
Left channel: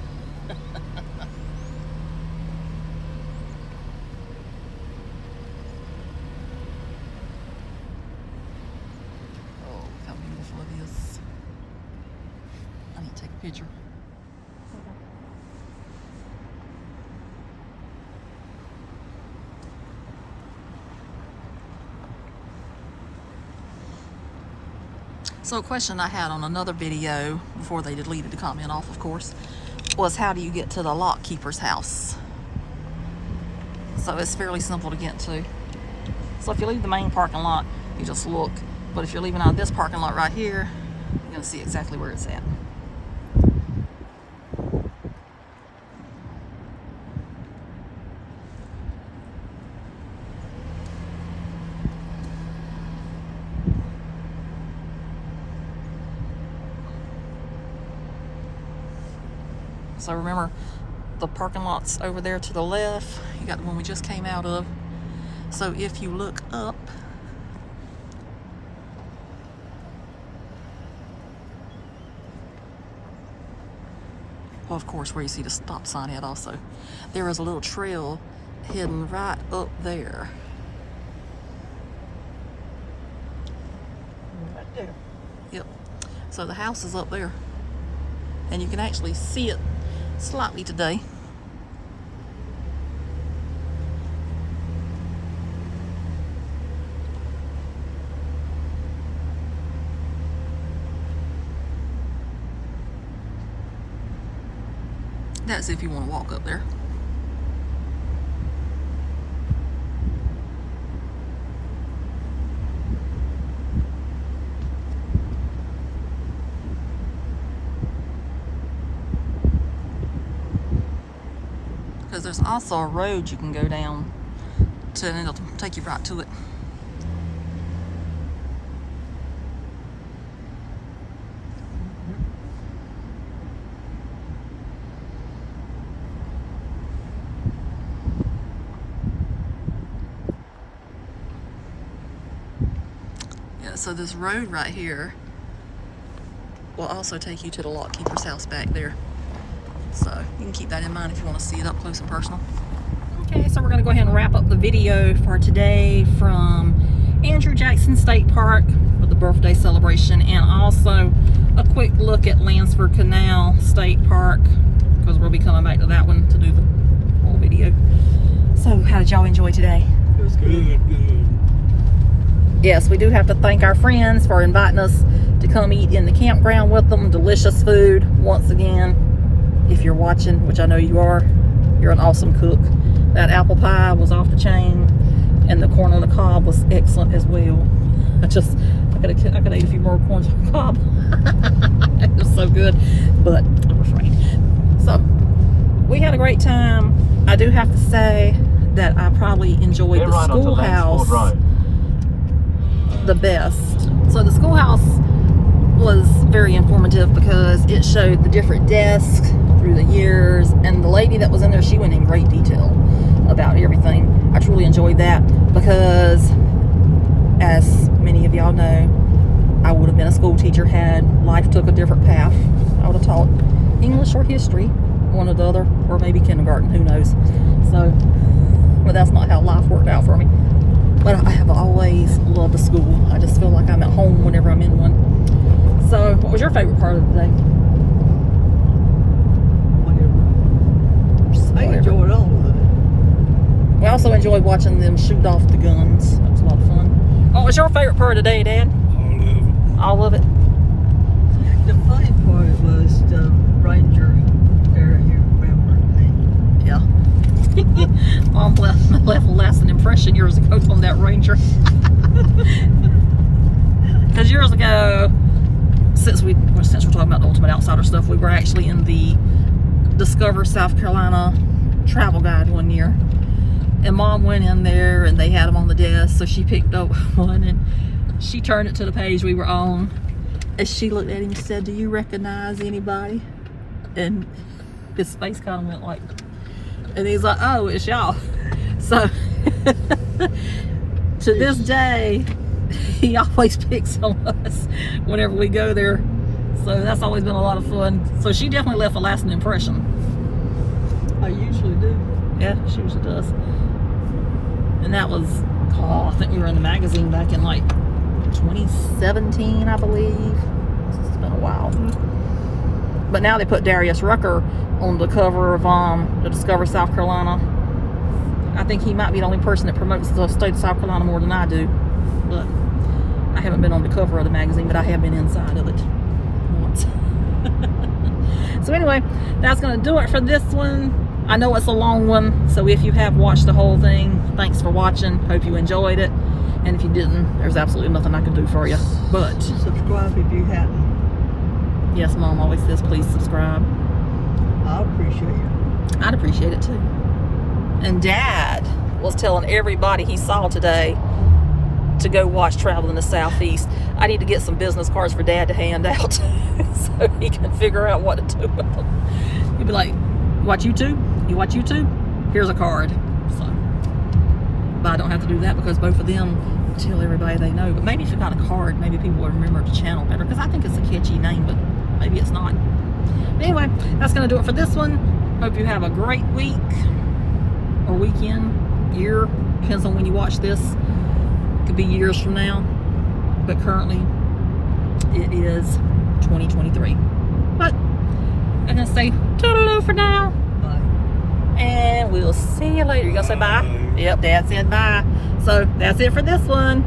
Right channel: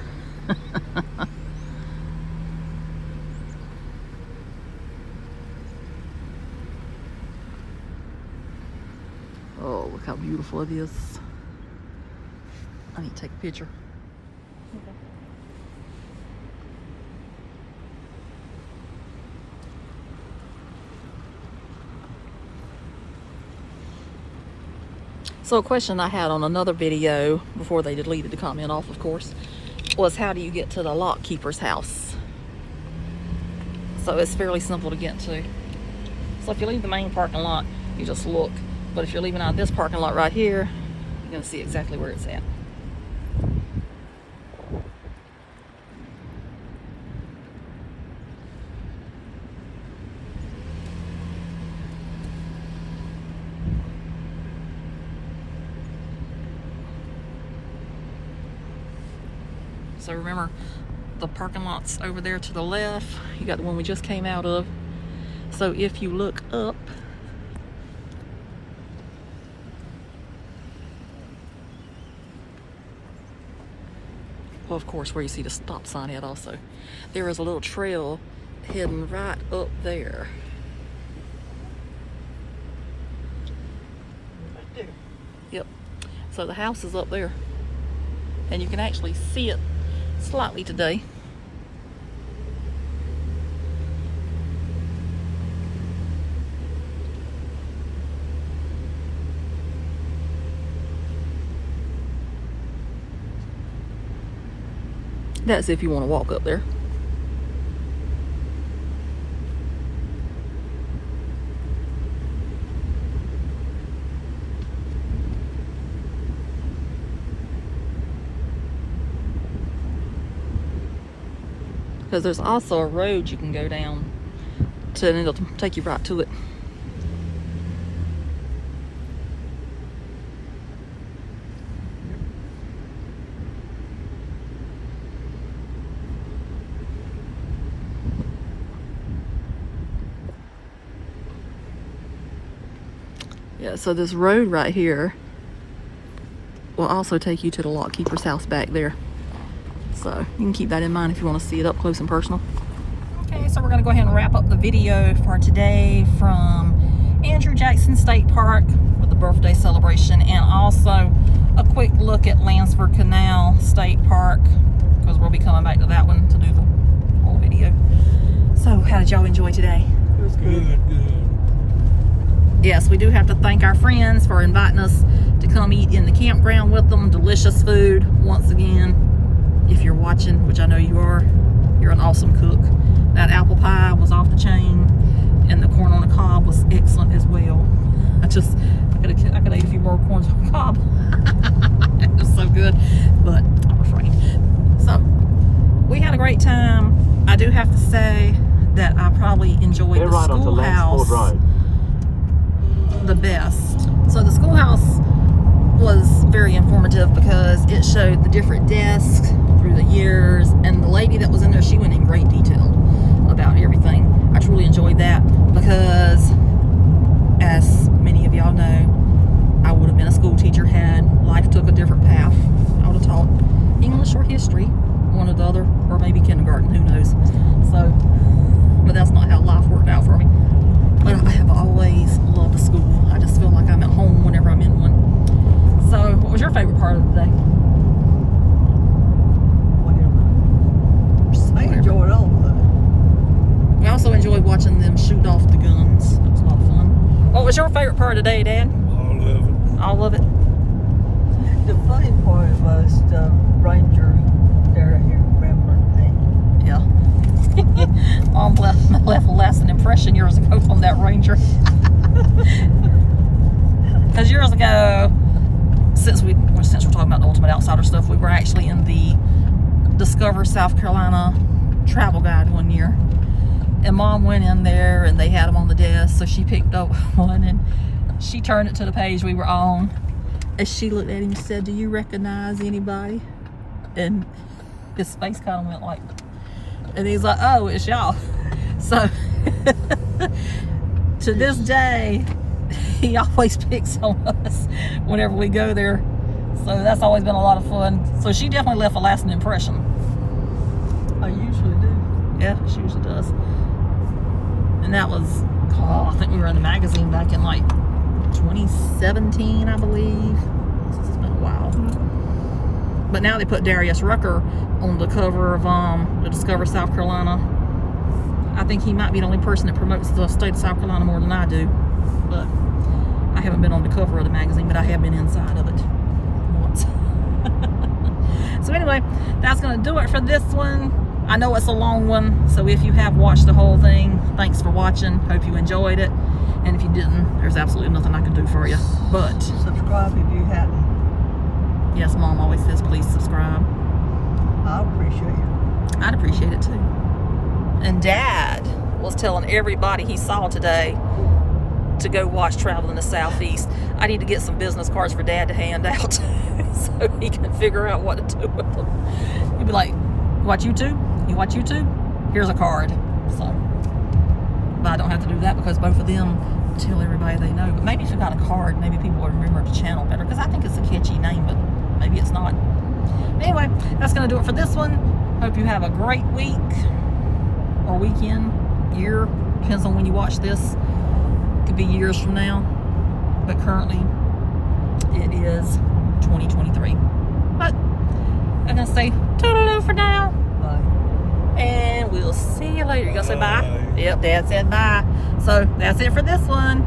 Oh, look how beautiful it is. I need to take a picture. Okay. So a question I had on another video, before they deleted the comment off, of course, was how do you get to the lock keeper's house? So it's fairly simple to get to. So if you leave the main parking lot, you just look. But if you're leaving out of this parking lot right here, you're gonna see exactly where it's at. So remember, the parking lot's over there to the left. You got the one we just came out of. So if you look up, well, of course, where you see the stop sign at also, there is a little trail heading right up there. Right there. Yep. So the house is up there. And you can actually see it slightly today. That's if you want to walk up there. Because there's also a road you can go down to, and it'll take you right to it. Yeah, so this road right here will also take you to the lock keeper's house back there. So you can keep that in mind if you want to see it up close and personal. Okay, so we're going to go ahead and wrap up the video for today from Andrew Jackson State Park with the birthday celebration, and also a quick look at Landsford Canal State Park, because we'll be coming back to that one to do the whole video. So how did y'all enjoy today? It was good. Yes, we do have to thank our friends for inviting us to come eat in the campground with them. Delicious food, once again. If you're watching, which I know you are, you're an awesome cook. That apple pie was off the chain, and the corn on the cob was excellent as well. I could eat a few more corns on the cob. It was so good, but I'm afraid. So we had a great time. I do have to say that I probably enjoyed Get the right onto schoolhouse Landsford Road. the best. So the schoolhouse was very informative because it showed the different desks through the years, and the lady that was in there, she went in great detail about everything. I truly enjoyed that because, as many of y'all know, I would have been a school teacher had life took a different path. I would have taught English or history, one or the other, or maybe kindergarten, who knows. So, but that's not how life worked out for me. But I have always loved the school. I just feel like I'm at home whenever I'm in one. So, what was your favorite part of the day? I enjoyed all of it. We also enjoyed watching them shoot off the guns. That was a lot of fun. What was your favorite part of the day, Dad? All of it. The funny part was the ranger there rambling thing. Yeah. Mom left a lasting impression years ago on that ranger. Because years ago, since we're talking about the Ultimate Outsider stuff, we were actually in the Discover South Carolina travel guide one year, and Mom went in there and they had them on the desk, so she picked up one and she turned it to the page we were on, and she looked at him and said, "Do you recognize anybody?" And his face kind of went like, and he's like, "Oh, it's y'all." So to this day, he always picks on us whenever we go there. So that's always been a lot of fun. So she definitely left a lasting impression. I usually do. Yeah, she usually does. And that was, I think we were in the magazine back in like 2017, I believe. It's been a while. But now they put Darius Rucker on the cover of the Discover South Carolina. I think he might be the only person that promotes the state of South Carolina more than I do. But I haven't been on the cover of the magazine, but I have been inside of it once. So anyway, that's going to do it for this one. I know it's a long one, so if you have watched the whole thing, thanks for watching. Hope you enjoyed it. And if you didn't, there's absolutely nothing I can do for you. But subscribe if you hadn't. Yes, Mom always says please subscribe. I'd appreciate it. I'd appreciate it too. And Dad was telling everybody he saw today to go watch Travel in the Southeast. I need to get some business cards for Dad to hand out so he can figure out what to do with them. He'd be like, watch YouTube? You watch YouTube? Here's a card. So, but I don't have to do that because both of them tell everybody they know. But maybe if you got a card, maybe people will remember the channel better, because I think it's a catchy name, but maybe it's not. But anyway, that's going to do it for this one. Hope you have a great week or weekend, year. Depends on when you watch this. It could be years from now, but currently it is 2023. But I'm going to say toodaloo for now. Bye. And we'll see you later. You going to say bye? Yep, Dad said bye. So that's it for this one.